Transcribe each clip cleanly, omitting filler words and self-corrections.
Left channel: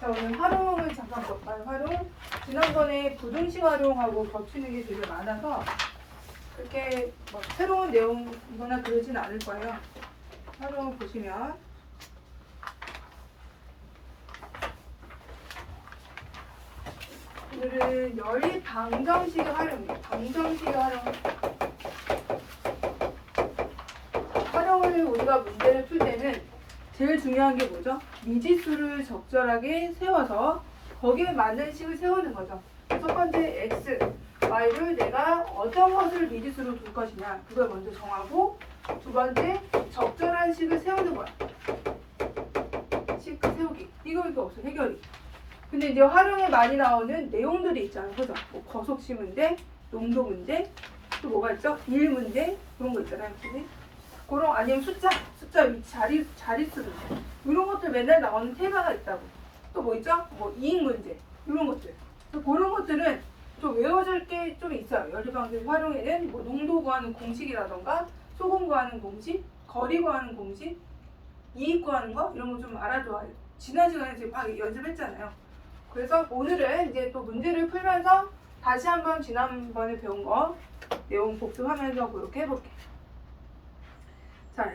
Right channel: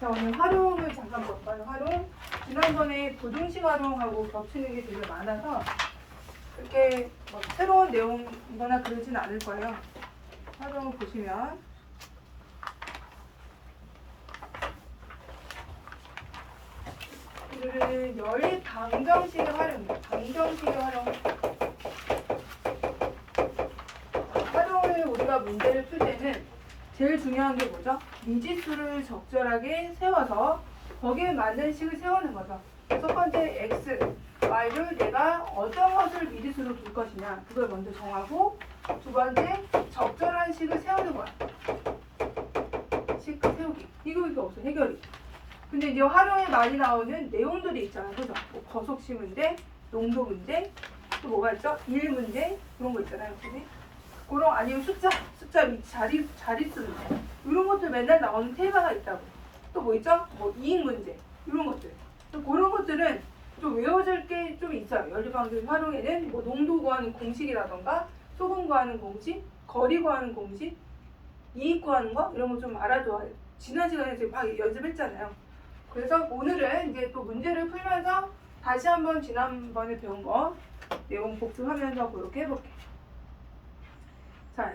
자, 오늘 활용을 잠깐 볼까요? 활용. 지난번에 부등식 활용하고 겹치는 게 되게 많아서 그렇게 뭐 새로운 내용이거나 그러진 않을 거예요. 활용을 보시면 오늘은 연립 방정식의 활용이에요. 방정식의 활용을 우리가 문제를 풀 때는 제일 중요한 게 뭐죠? 미지수를 적절하게 세워서 거기에 맞는 식을 세우는 거죠. 첫 번째 x, y를 내가 어떤 것을 미지수로 둘 것이냐 그걸 먼저 정하고, 두 번째 적절한 식을 세우는 거야. 식 세우기. 이거 없어 해결이. 근데 이제 활용에 많이 나오는 내용들이 있잖아, 그죠? 뭐 거속시 문제, 농도 문제, 또 뭐가 있죠? 일 문제 그런 거 있잖아요, 그지? 그런 아니면 숫자 자릿수 문제 이런 것들 맨날 나오는 테마가 있다고. 또 뭐 있죠? 뭐 이익 문제 이런 것들. 그런 것들은 좀 외워질 게 좀 있어요. 연립방정 활용에는 뭐 농도 구하는 공식이라던가 소금 구하는 공식, 거리 구하는 공식, 이익 구하는 거 이런 거 좀 알아둬야 돼요. 지난 시간에 지금 막 연습했잖아요. 그래서 오늘은 이제 또 문제를 풀면서 다시 한번 지난번에 배운 거 내용 복습하면서 그렇게 해볼게요. 자,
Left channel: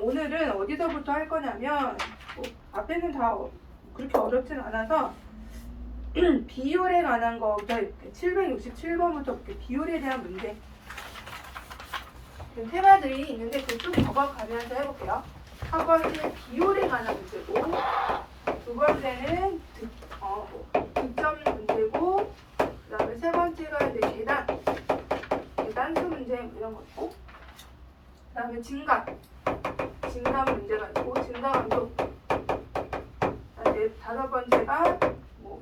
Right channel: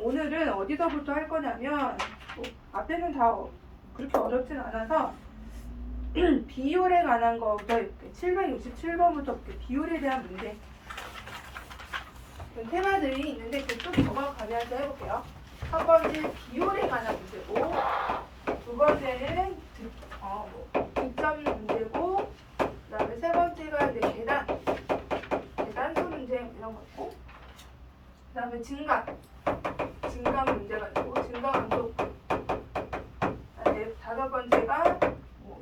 오늘은 어디서부터 할 거냐면 뭐 앞에는 다 그렇게 어렵진 않아서 비율에 관한 거부터 해볼게요. 767번부터 볼게요. 비율에 대한 문제. 테마들이 있는데 그쪽 적어가면서 해볼게요. 첫 번째 비율에 관한 문제고, 두 번째는 득점 문제고, 그 다음에 세 번째가 이제 계단수 문제 이런 거고, 그 다음에 증감 문제가 있고, 증가 감속. 다섯 번째가 뭐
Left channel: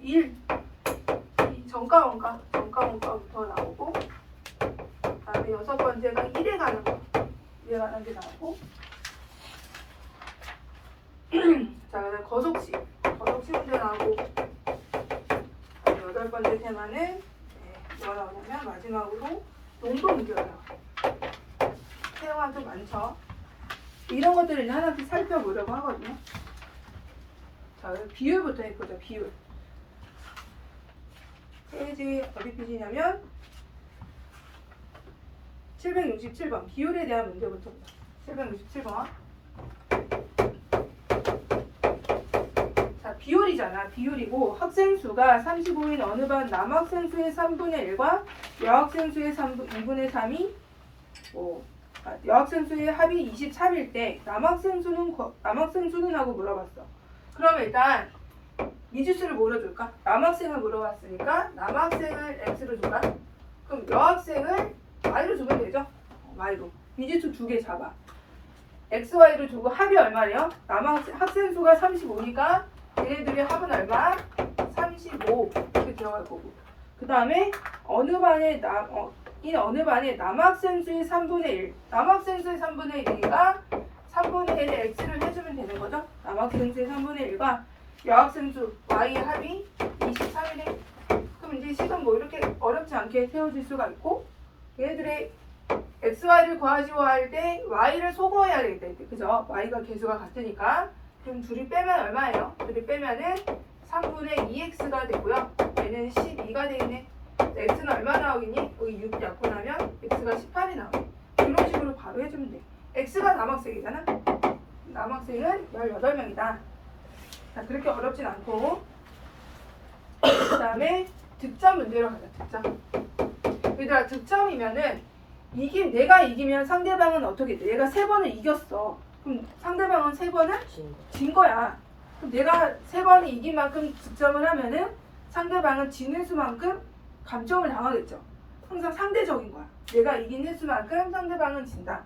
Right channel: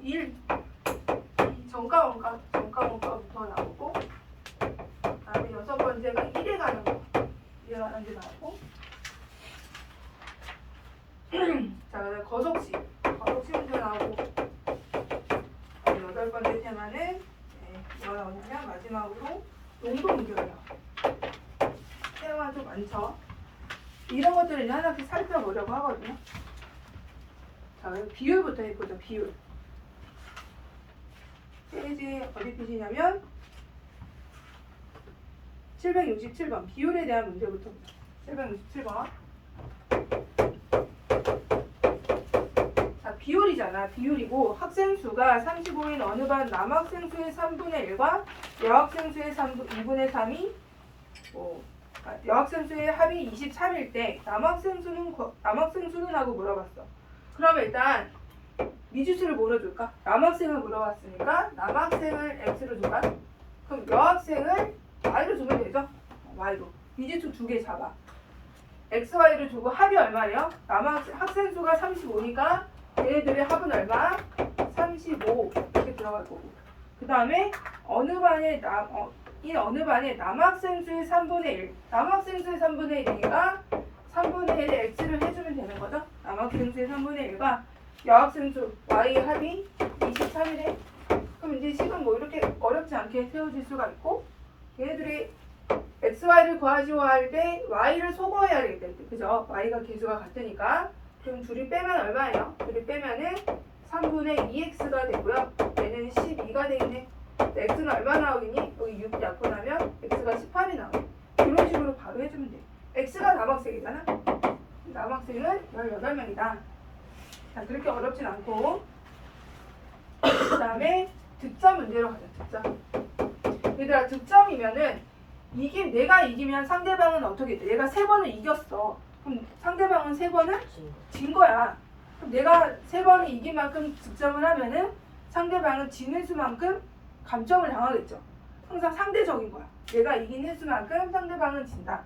정가 원가부터 나오고, 그 다음에 여섯 번째가 일에 관한 게 나오고, 자, 그다음 거속시 문제 나오고, 여덟 번째 테마는 뭐가 나오냐면 마지막으로 농도 문제가 나와요. 사용한 좀 많죠. 이런 것들을 이제 하나씩 살펴보려고 하거든요. 자, 비율부터 해보자. 비율. 페이지 어디 페이지냐면 767번 비율에 대한 문제부터. 767번. 자, 비율이잖아. 비율이고 학생 수가 35인 어느 반 남학생 수의 3분의 1과 여학생 수의 2분의 3이 여학생 수의 합이 23일 때 남학생 수는 하고 물어봤어. 그럼 일단 미지수를 뭐로 줄까? 남학생을 물어봤으니까 남학생을 x로 줄까? 그럼 여학생을 y로 주면 되죠? y로. 미지수 두 개 잡아. x, y로 주고 합이 얼마래요? 학생 수가 35니까 얘네들의 합은 얼마? 35 이렇게 들어갈 거고. 그 다음에 어느 반에 남학생 수의 3분의 1. 남학생 수의 3분의 1이니까 3분의 1의 x를 해주면 되는 거죠. 남학생 수의 3분의 1과 여학생 수 y의 합이 23이래. 그럼 이제 식은 뭐 이렇게 어렵지 않게 세워질 수가 있고, 얘네들의 x, y를 구하시오 할 때 y를 소거해야 되겠다. 그죠? y가 개수가 같으니까. 그럼 둘이 빼면 얼마예요? 둘이 빼면은 3분의 2x가 되고요. 얘는 12가 되겠네. x는 얼마 나오겠니? 여기 6 약분하면 x가 18이 나와요. 이런 식으로 바로 해주면 돼. x가 남학생이잖아. 남학생은 18명이다. 자, 그렇게 어렵진 않고, 그 다음에 득점 문제로 가자. 득점. 얘들아, 득점이면은 내가 이기면 상대방은 어떻게 돼? 내가 3번을 이겼어. 그럼 상대방은 3번을 진 거야. 그럼 내가 3번이 이긴 만큼 득점을 하면은 상대방은 진 횟수만큼 감점을 당하겠죠. 항상 상대적인 거야. 내가 이긴 횟수만큼 상대방은 진다.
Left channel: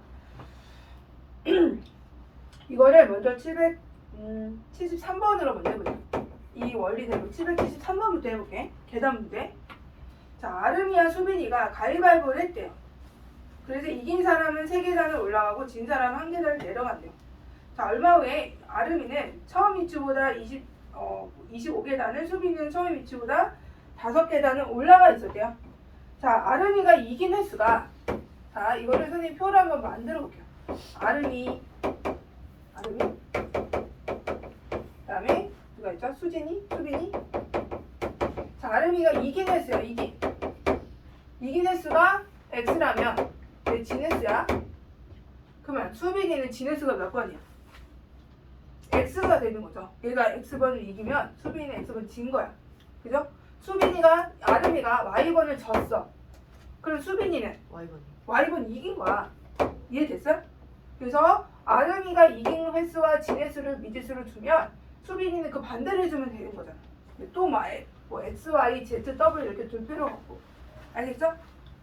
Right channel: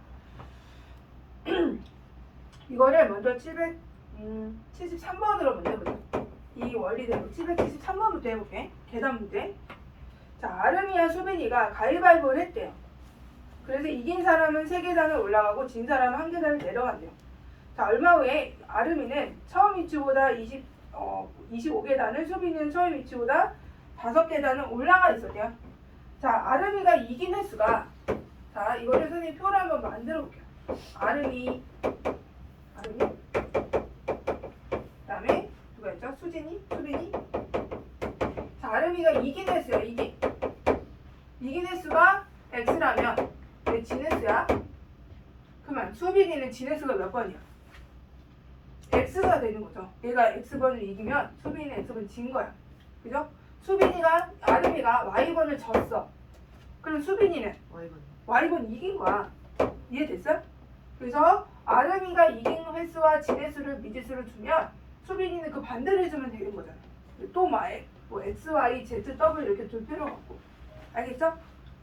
이거를 먼저 773번으로 먼저 해보자. 이 원리대로 773번부터 해볼게. 계산 문제. 자, 아름이와 수빈이가 가위바위보를 했대요. 그래서 이긴 사람은 3계단을 올라가고 진 사람은 1계단을 내려간대요. 자, 얼마 후에 아름이는 처음 위치보다 25계단을, 수빈이는 처음 위치보다 5계단을 올라가 있었대요. 자, 아름이가 이긴 횟수가, 자, 이거를 선생님 표로 한번 만들어 볼게요. 아름이, 그 다음에 누가 있죠? 수빈이? 자, 아름이가 이긴 횟수야. 이긴 횟수가 x라면 얘 진횟수야. 그러면 수빈이는 진횟수가 몇 번이야? x가 되는 거죠. 얘가 x번을 이기면 수빈이는 x번 진 거야. 그죠? 아름이가 y번을 졌어. 그럼 수빈이는 y번 이긴 거야. 이해됐어? 그래서 아름이가 이긴 횟수와 진횟수를 미지수를 주면 수빈이는 그 반대를 해주면 되는 거잖아. 또 뭐 x, y, z, w 이렇게 둘 필요가 없고. 알겠죠?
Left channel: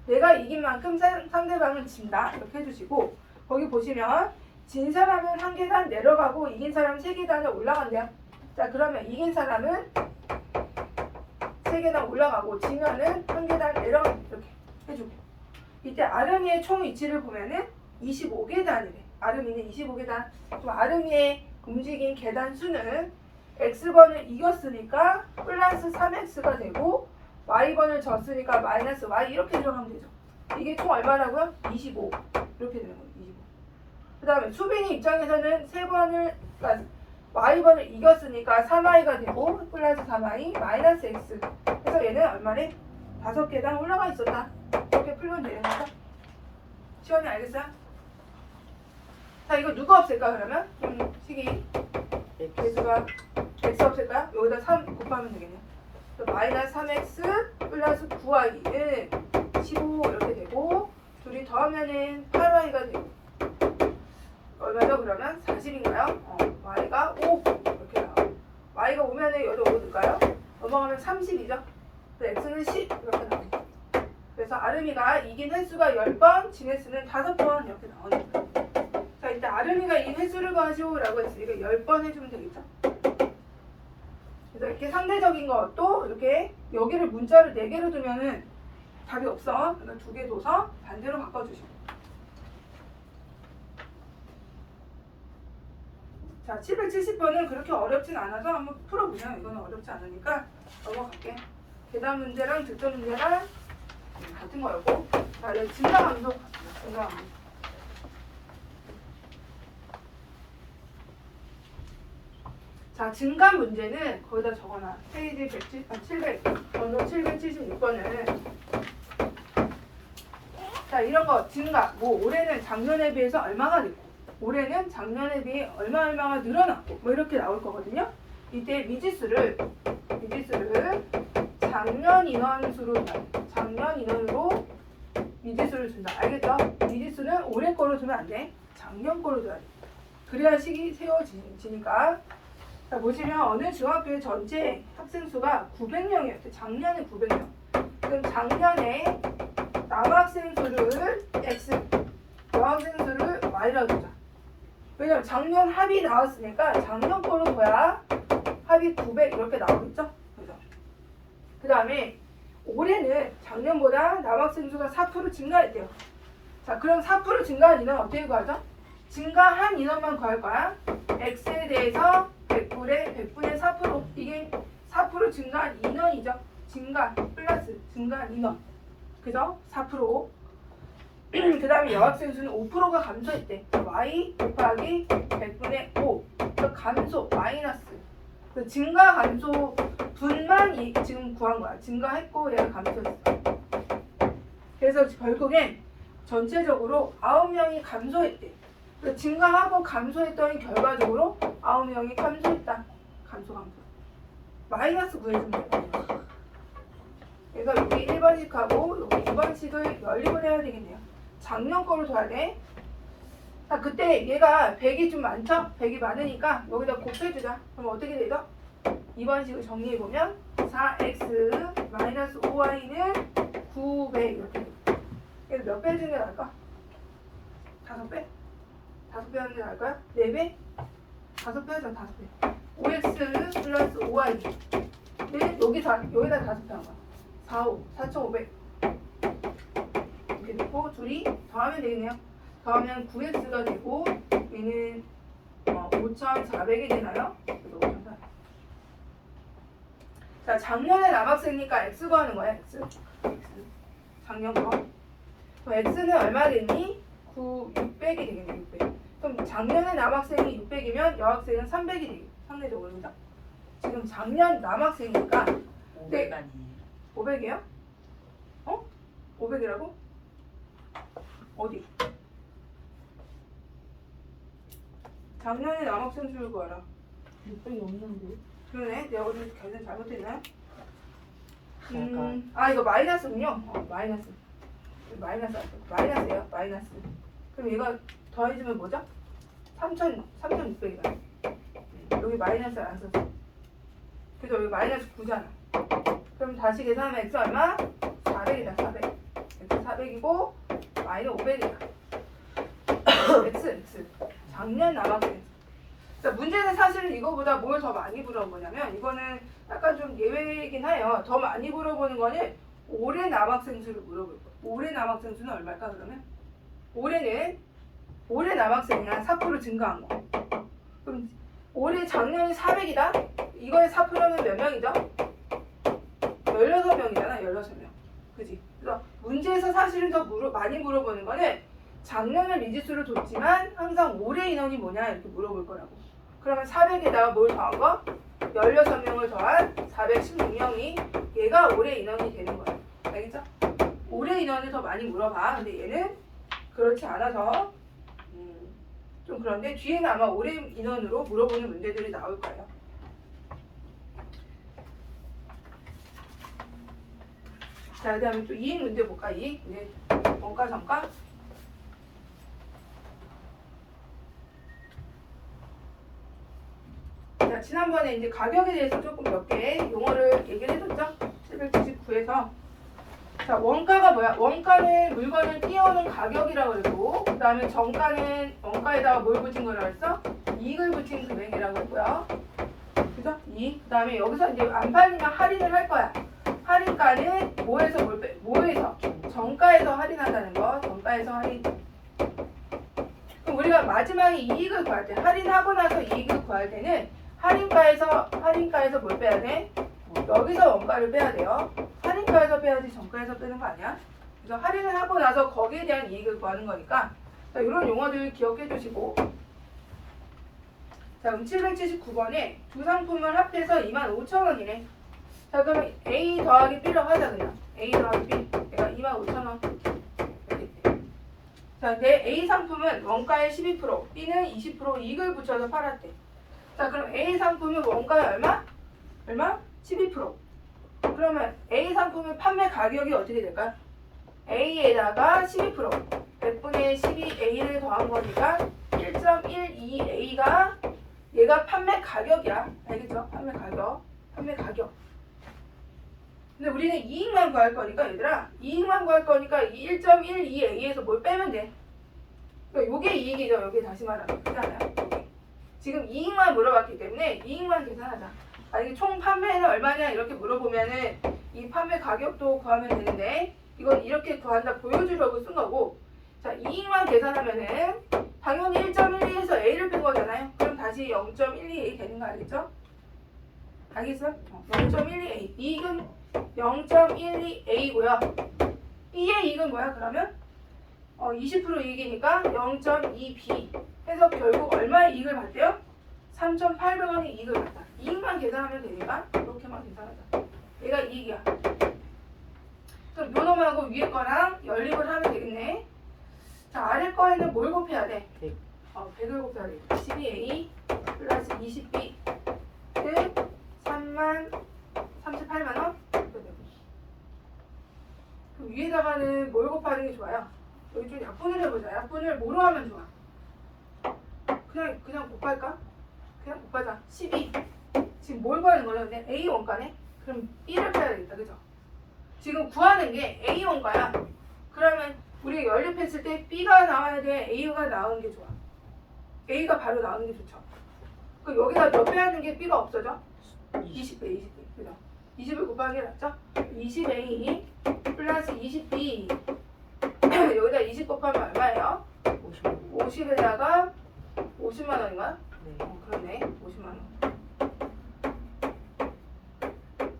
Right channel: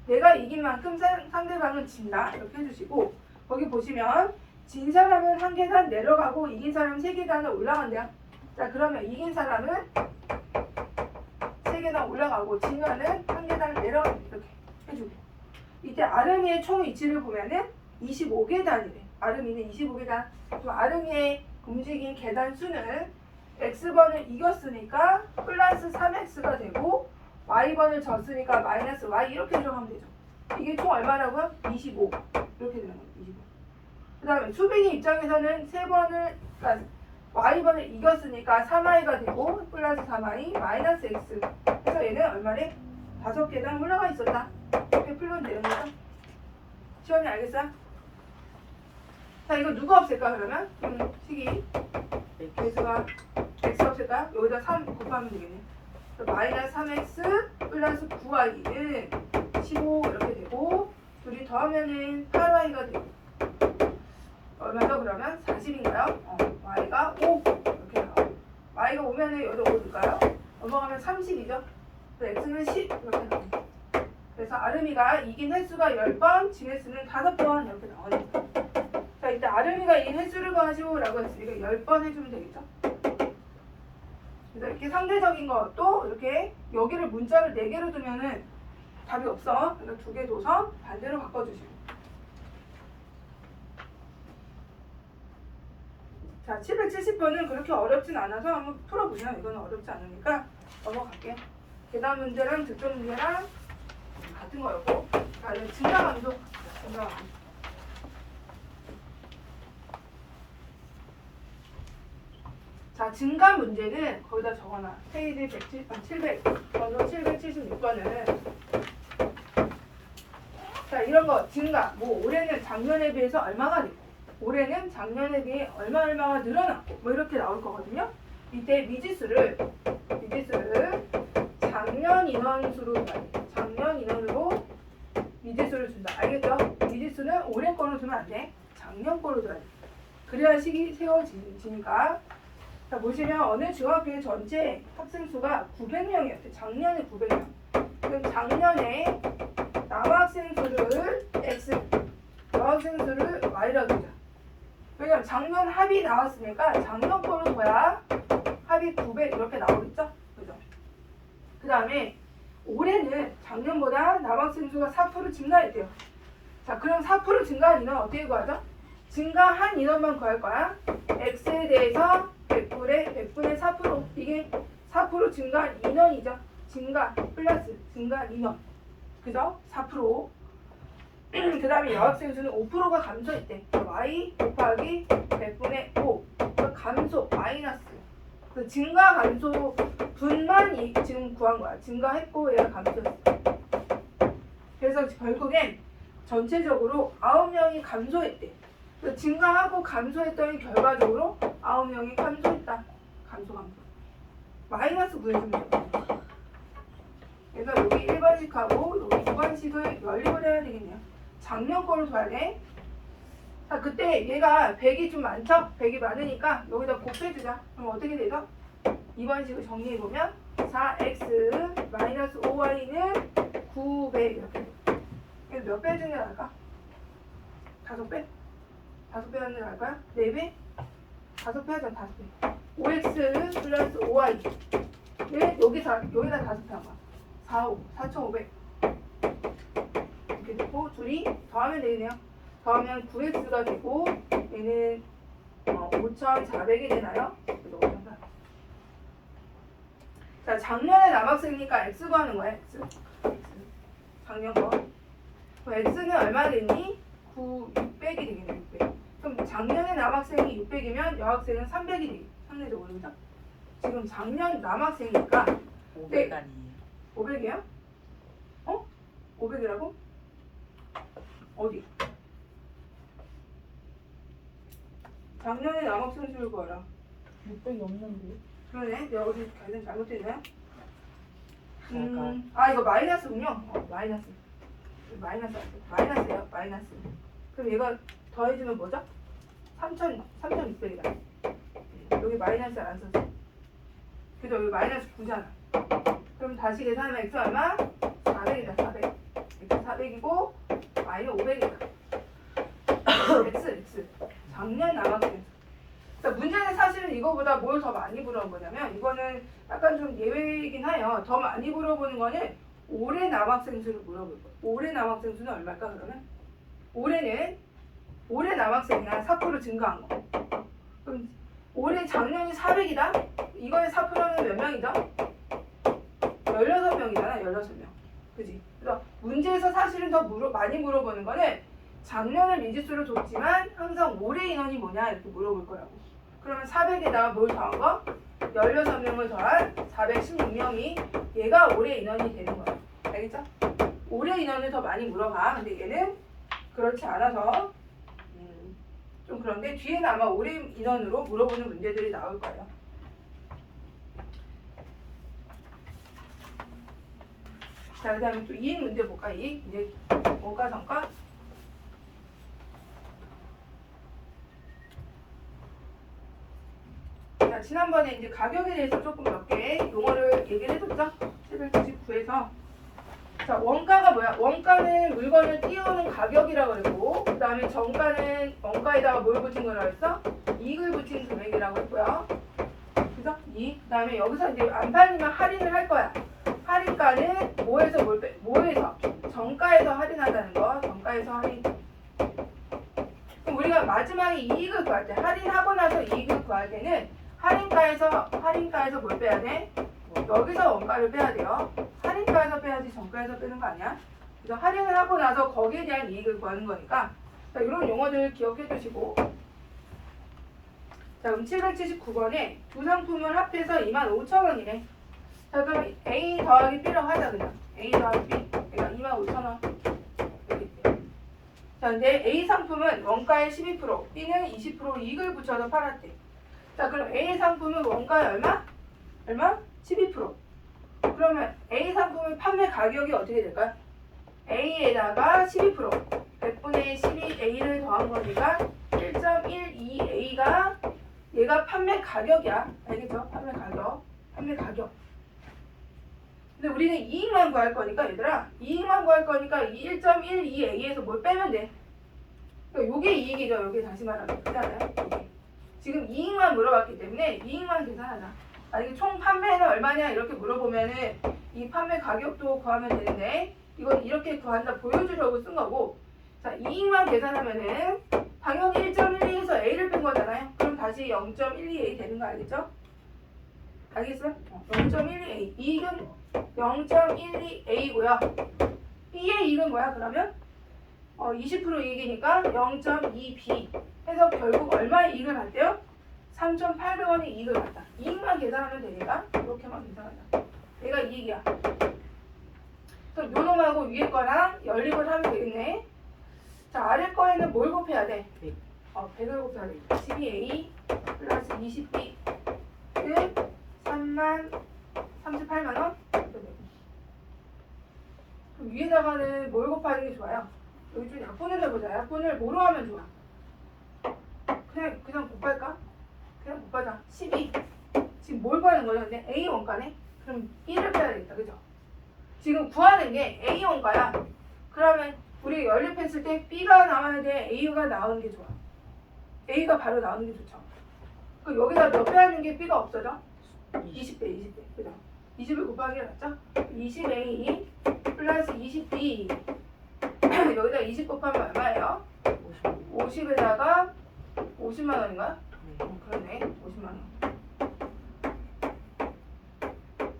내가 이긴 만큼 상대방은 진다. 이렇게 해주시고 거기 보시면 진 사람은 한 계단 내려가고 이긴 사람은 세 계단을 올라간대요. 자, 그러면 이긴 사람은 세 계단 올라가고 지면은 한 계단 내려가고 이렇게 해주고 이때 아름이의 총 위치를 보면은 25계단이래. 아름이는 25계단. 그럼 아름이의 움직인 계단 수는 x번을 이겼으니까 플러스 3x가 되고 y번을 졌으니까 마이너스 y 이렇게 들어가면 되죠. 이게 총 얼마라고요? 25 이렇게 되는 거예요. 25. 그 다음에 수빈이 입장에서는 그러니까 y번을 이겼으니까 3y가 되고 플러스 3y 마이너스 x. 그래서 얘는 얼마래? 5계단 올라가 있었다. 이렇게 풀면 되는 거죠. 시원히 알겠어요? 자, 이거 누가 없앨까 그러면? 식이 개수가 x 없앨까요? 여기다 3 곱하면 되겠네요. 마이너스 3x 플러스 9y는 15 이렇게 되고 둘이 더하면은 8y가 되고 얼마죠 그러면? 40인가요? y가 5 이렇게 나와요. y가 5면은 여기다 5 넣을까요? 넘어가면 30이죠. 그래서 x는 10 이렇게 나옵니다. 그래서 아름이가 이긴 횟수가 10번, 진 횟수는 5번 이렇게 나오네요. 자, 이때 아름이가 이긴 횟수를 구하시오라고 했으니까 10번 해주면 되겠죠. 그래서 이렇게 상대적인 것도 이렇게 여기를 문자를 4개로 두면은 답이 없어. 그러니까 2개 둬서 반대로 바꿔주시고. 자, 770번은 그렇게 어렵진 않아서 한번 풀어보세요. 이거는 어렵지 않으니까 넘어갈게요. 계산 문제랑 득점 문제랑 같은 거였고. 자, 증가함수. 자, 증가 문제는 거기다 적어놔. 페이지 776번은 자, 이런 거 증가. 뭐 올해는 작년에 비해서 얼마가 됐고 올해는 작년에 비해 얼마가 늘어났고 뭐 이렇게 나올 거거든요. 이때 미지수를 작년 인원수로 둬야 돼. 작년 인원으로 미지수를 준다. 알겠죠? 미지수는 올해 거로 두면 안 돼. 작년 거로 둬야 돼. 그래야 식이 세워지니까. 자, 보시면 어느 중학교의 전체 학생 수가 900명이었어요. 작년에 900명. 그럼 작년에 남학생 수를 x, 여학생 수를 y라고 두자. 왜냐면 작년 합이 나왔으니까 작년 거로 둬야 합이 900 이렇게 나오겠죠? 그죠? 그 다음에 올해는 작년보다 남학생 수가 4% 증가했대요. 자, 그럼 4% 증가한 인원 어떻게 구하죠? 증가한 인원만 구할 거야. x에 대해서 100분의 4%. 이게 4% 증가한 인원이죠. 증가 플러스 증가한 인원. 그죠? 4%. 그 다음에 여학생 수는 5%가 감소했대. y 곱하기 100분의 5. 감소 마이너스. 그 증가 감소 분만 지금 구한 거야. 증가했고 얘가 감소했어. 그래서 결국엔 전체적으로 9명이 감소했대. 증가하고 감소했더니 결과적으로 9명이 감소했다. 감소. 마이너스 구해주면 되거든요. 그래서 여기 1번씩하고 여기 2번씩을 연립을 해야 되겠네요. 작년 거로 둬야 돼. 자, 그때 얘가 100이 좀 많죠? 100이 많으니까 여기다 곱해주자. 그럼 어떻게 되죠? 2번식을 정리해보면 4x 마이너스 5y는 900 이렇게 돼. 그래서 몇 배 해주는 게 나을까? 5배? 5배 하는 게 나을까요? 4배? 5배 하자. 5배. 5x 플러스 5y 여기다 5배 한 거야. 4,500 이렇게 되고 둘이 더하면 되겠네요. 더하면 9x가 되고 얘는 5,400이 되나요? 그래서 5,400. 자, 작년에 남학생이니까 x 구하는 거야. x. 작년 거. 그럼 x는 얼마겠니? 600이 되겠네. 600. 그럼 작년에 남학생이 600이면 여학생은 300이 되겠네. 상대적으로. 그죠? 지금 작년 남학생이니까 500 아니에요. 500이야? 500이라고? 어디? 작년에 남학생 수를 구하라. 600이 없는데. 그러네. 내가 어디 계산 잘못했네. 그러니까 이거 마이너스군요. 마이너스. 마이너스 왔어. 마이너스야. 마이너스. 그럼 얘가 더해주면 뭐죠? 3,600이다. 여기 마이너스 안 썼어. 그죠? 여기 마이너스 9잖아. 그럼 다시 계산하면 x 얼마? 400이다. 400. x 400이고 마이너스 500이다. x. 작년 남학생. 그러니까 문제는 사실은 이거보다 뭘 더 많이 물어본 거냐면 이거는 약간 좀 예외이긴 해요. 더 많이 물어보는 거는 올해 남학생 수를 물어볼 거예요. 올해 남학생 수는 얼마일까 그러면? 올해 남학생이야 4% 증가한 거. 그럼 올해 작년에 400이다? 이거의 4%는 몇 명이죠? 16명이잖아. 16명. 그지? 그래서 문제에서 사실은 더 많이 물어보는 거는 작년은 미지수를 뒀지만 항상 올해 인원이 뭐냐 이렇게 물어볼 거라고. 그러면 400에다가 뭘 더한 거? 16명을 더한 416명이 얘가 올해 인원이 되는 거야. 알겠죠? 올해 인원을 더 많이 물어봐. 근데 얘는 그렇지 않아서 좀 그런데 뒤에는 아마 올해 인원으로 물어보는 문제들이 나올 거예요. 자, 그 다음에 또 이익 문제 볼까? 이익. 이제 원가, 정가. 자, 지난번에 이제 가격에 대해서 조금 몇 개 용어를 얘기를 해줬죠? 799에서. 자, 원가가 뭐야? 원가는 물건을 띄워오는 가격이라고 그랬고, 그 다음에 정가는 원가에다가 뭘 붙인 거라고 했어? 이익을 붙인 금액이라고 했고요. 그죠? 이익. 그 다음에 여기서 이제 안 팔리면 할인을 할 거야. 할인가는 뭐에서? 정가에서 할인한다는 거. 정가에서 할인. 그럼 우리가 마지막에 이익을 구할 때, 할인하고 나서 이익을 구할 때는 할인가에서 뭘 빼야 돼? 여기서 원가를 빼야 돼요. 할인가에서 빼야지 정가에서 빼는 거 아니야? 그래서 할인을 하고 나서 거기에 대한 이익을 구하는 거니까 자, 이런 용어들 기억해 주시고 자, 그럼 779번에 두 상품을 합해서 25,000원이래. 자, 그러면 A 더하기 B로 하자 그냥. A 더하기 B. 내가 25,000원. 자, 근데 A 상품은 원가의 12%, B는 20% 이익을 붙여서 팔았대. 자, 그럼 A 상품은 원가의 얼마? 12%. 그러면 A 상품의 판매 가격이 어떻게 될까요? A에다가 12%, 100분의 12A를 더한 거니까 1.12A가 얘가 판매 가격이야. 알겠죠? 판매 가격. 근데 우리는 이익만 구할 거니까 얘들아, 이익만 구할 거니까 이 1.12A에서 뭘 빼면 돼. 그러니까 요게 이익이죠. 요게 다시 말하면. 그렇잖아요. 지금 이익만 물어봤기 때문에 이익만 계산하자. 이게 총 판매는 얼마냐 이렇게 물어보면은 이 판매 가격도 구하면 되는데 이건 이렇게 구한다 보여주려고 쓴 거고. 자, 이익만 계산하면은 당연히 1.12에서 A를 뺀 거잖아요. 그럼 다시 0.12A 되는 거 알겠죠? 알겠어요? 0.12A. 이익은 0.12A고요. B의 이익은 뭐야 그러면? 20% 이익이니까 0.2B 해서 결국 얼마의 이익을 받대요? 3,800원의 이익을 받다. 이익만 계산하면 되니까 이렇게만 계산하자. 얘가 이익이야. 그럼 요 놈하고 위에 거랑 연립을 하면 되겠네. 자, 아래 거에는 뭘 곱해야 돼? 100을 곱해야 돼. 12A 플러스 20B 는 38만원? 위에다가는 뭘 곱하는 게 좋아요? 여기 좀 약분을 해보자. 약분을 뭐로 하면 좋아? 그냥 곱할까? 그냥 곱하자. 12. 지금 뭘 구하는 거죠? 근데 A 원가네? 그럼 1을 빼야 되겠다. 그죠? 지금 구하는 게 A 원가야. 그러면 우리가 연립했을 때 B가 나와야 돼? A가 나오는 게 좋아? A가 바로 나오는 게 좋죠. 그럼 여기다 몇 배 하는 게 B가 없어져? 20배. 그죠? 20을 곱하는 게 낫죠? 20A 플러스 20B 여기다 20 곱하면 얼마예요? 50에다가 50만 원인가? 그렇네. 50만 원.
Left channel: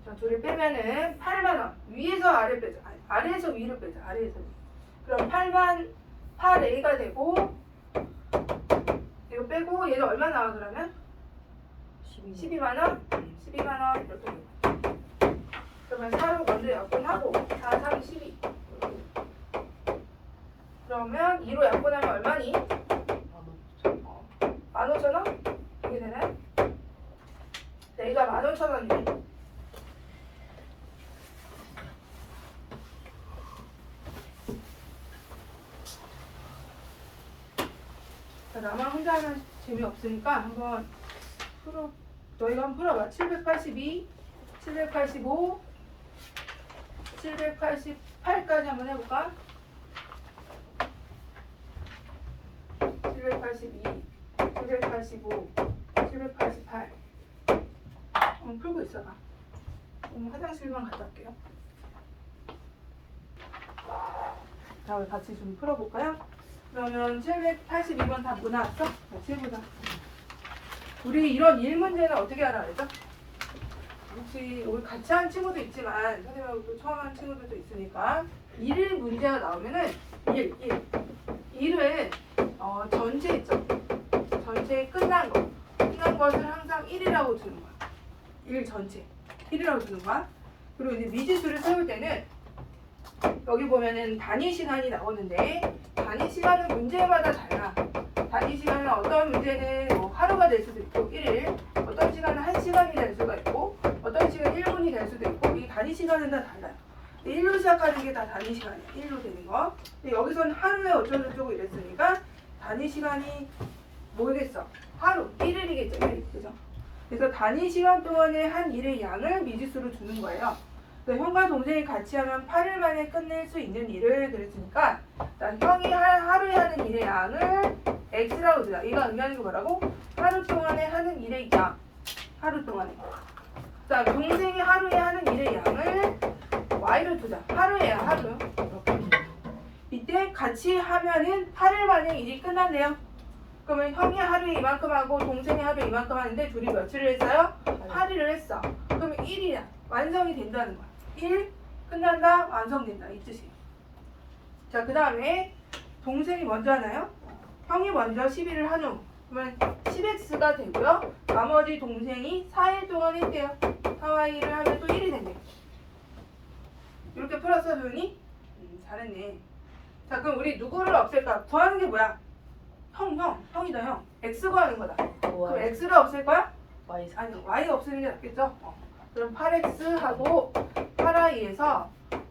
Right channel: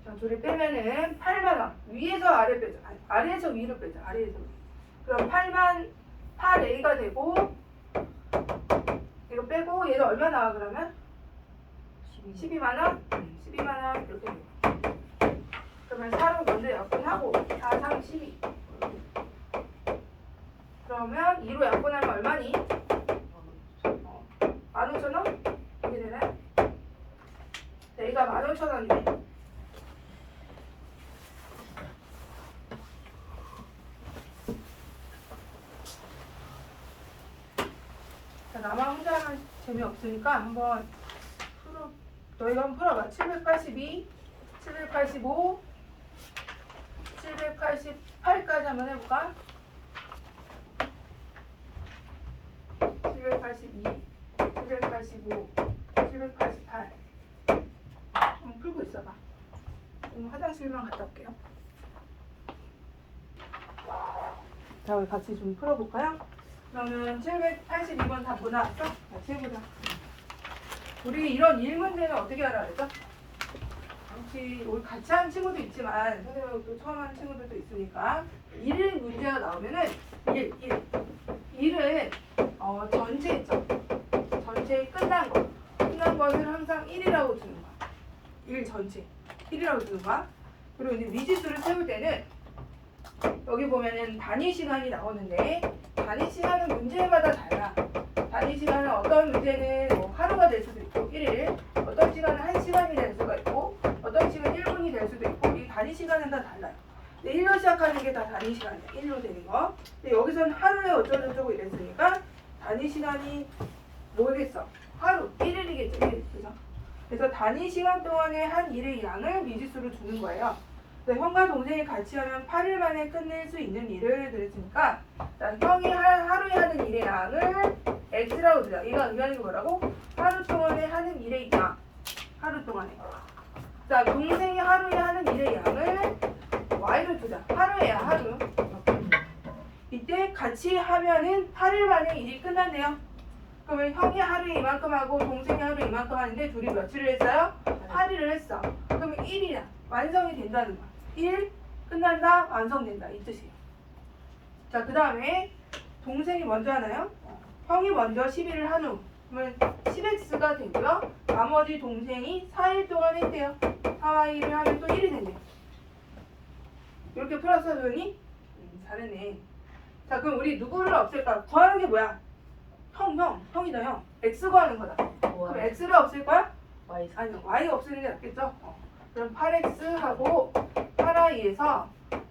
자, 둘이 빼면은 8만 원. 위에서 아래 빼자. 아래에서 위로 빼자. 아래에서 위. 그럼 8A가 되고 이거 빼고 얘가 얼마 나와 그러면? 12만 원? 12만 원 이렇게 돼. 그러면 4로 먼저 약분하고 4, 3, 12 그러면 2로 약분하면 얼마니? 15,000원? 이게 되나요? 여기가 15,000원이네. 나만 혼자 하면 재미없으니까 한번 너희가 한번 풀어봐. 782, 785, 788까지 한번 해볼까? 782, 785, 788 한번 풀고 있어봐. 화장실만 갔다 올게요. 자, 우리 같이 좀 풀어볼까요? 그러면 782번 다 보나왔어? 같이 해보자. 우리 이런 1문제는 어떻게 하라 그랬죠? 혹시 우리 같이 한 친구도 있지만 선생님하고 또 처음 한 친구들도 있으니까 1 문제가 나오면은 1은 전체 있죠? 전체 끝난 것을 항상 1이라고 두는 거야. 1 전체 1이라고 두는 거야. 그리고 이제 미지수를 세울 때는 여기 보면은 단위 시간이 나오는데 단위 시간은 문제마다 달라. 단위 시간은 어떤 문제는 뭐 하루가 될 수도 있고 1일, 어떤 시간은 1시간이 될 수가 있고 어떤 시간은 1분이 될 수도 있고 이 단위 시간은 다 달라요. 1로 시작하는 게 다 단위 시간이에요. 1로 되는 거. 근데 여기서는 하루에 어쩌고저쩌고 이랬으니까 단위 시간이 뭐겠어? 하루, 1일이겠죠. 1일, 그죠? 그래서 단위 시간 동안에 한 일의 양을 미지수로 두는 거예요. 형과 동생이 같이 하면 8일 만에 끝낼 수 있는 일을 그랬으니까 형이 하루에 하는 일의 양을 x라고 두자. 얘가 의미하는 게 뭐라고? 하루 동안에 하는 일의 양. 하루 동안에. 자, 동생이 하루에 하는 일의 양을 y로 두자. 하루에야 하루. 이렇게. 이때 같이 하면은 8일 만에 일이 끝난대요. 그러면 형이 하루에 이만큼 하고 동생이 하루에 이만큼 하는데 둘이 며칠을 했어요? 8일을 했어. 그러면 1이야. 완성이 된다는 거야. 1 끝난다 완성된다 이 뜻이에요. 자, 그 다음에 동생이 먼저 하나요? 형이 먼저 11을 한 후 그러면 10x가 되고요. 나머지 동생이 4일 동안 했대요. 4y를 하면 또 1이 된대. 이렇게 풀었어 조연이? 잘했네. 자, 그럼 우리 누구를 없앨까? 구하는 게 뭐야? 형이다 형. x 구하는 거다. 그럼 x를 없앨 거야? 아니요, y 없애는 게 낫겠죠? 그럼 8x하고 8i에서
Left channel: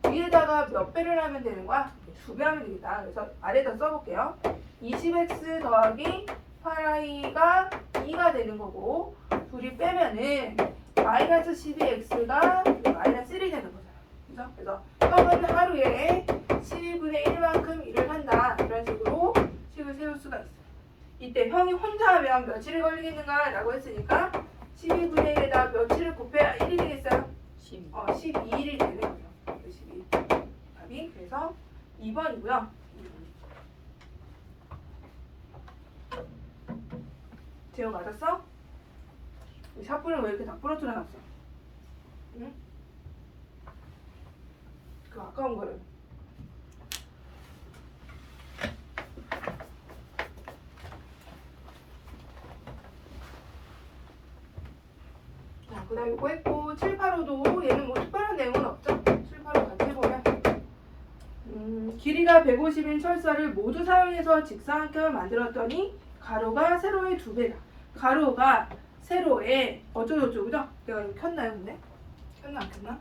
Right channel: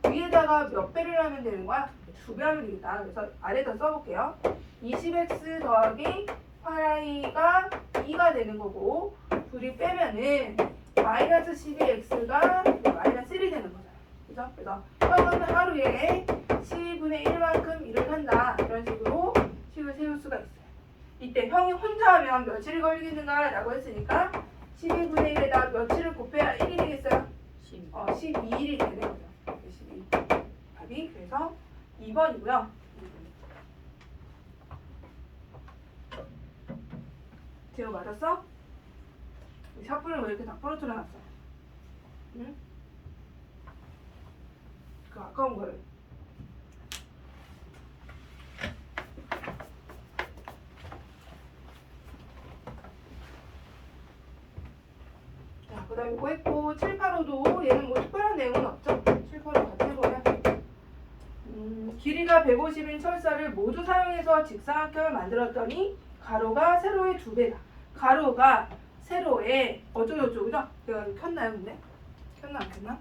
위에다가 몇 배를 하면 되는 거야? 2배 하면 되겠다. 그래서 아래에다 써볼게요. 20x 더하기 8i가 2가 되는 거고 둘이 빼면은 마이너스 12x가 마이너스 1이 되는 거잖아요. 그죠? 그래서 형은 하루에 12분의 1만큼 일을 한다. 이런 식으로 식을 세울 수가 있어요. 이때 형이 혼자 하면 며칠이 걸리겠는가? 라고 했으니까 12분의 1에다 며칠을 곱해야 1이 되겠어요? 12일이 되는 거죠. 12. 답이 그래서 2번이고요. 제호 맞았어? 샤프를 왜 이렇게 다 부러뜨려놨어? 응? 그 아까운 거예요. 그 다음에 이거 했고 7, 8호도 얘는 뭐 특별한 내용은 없죠. 7, 8호 같이 해보면 길이가 150인 철사를 모두 사용해서 직사각형을 만들었더니 가로가 세로의 2배다. 가로가 세로의 어쩌고저쩌고 그죠? 내가 이거 켰나요 근데? 켰나 안 켰나?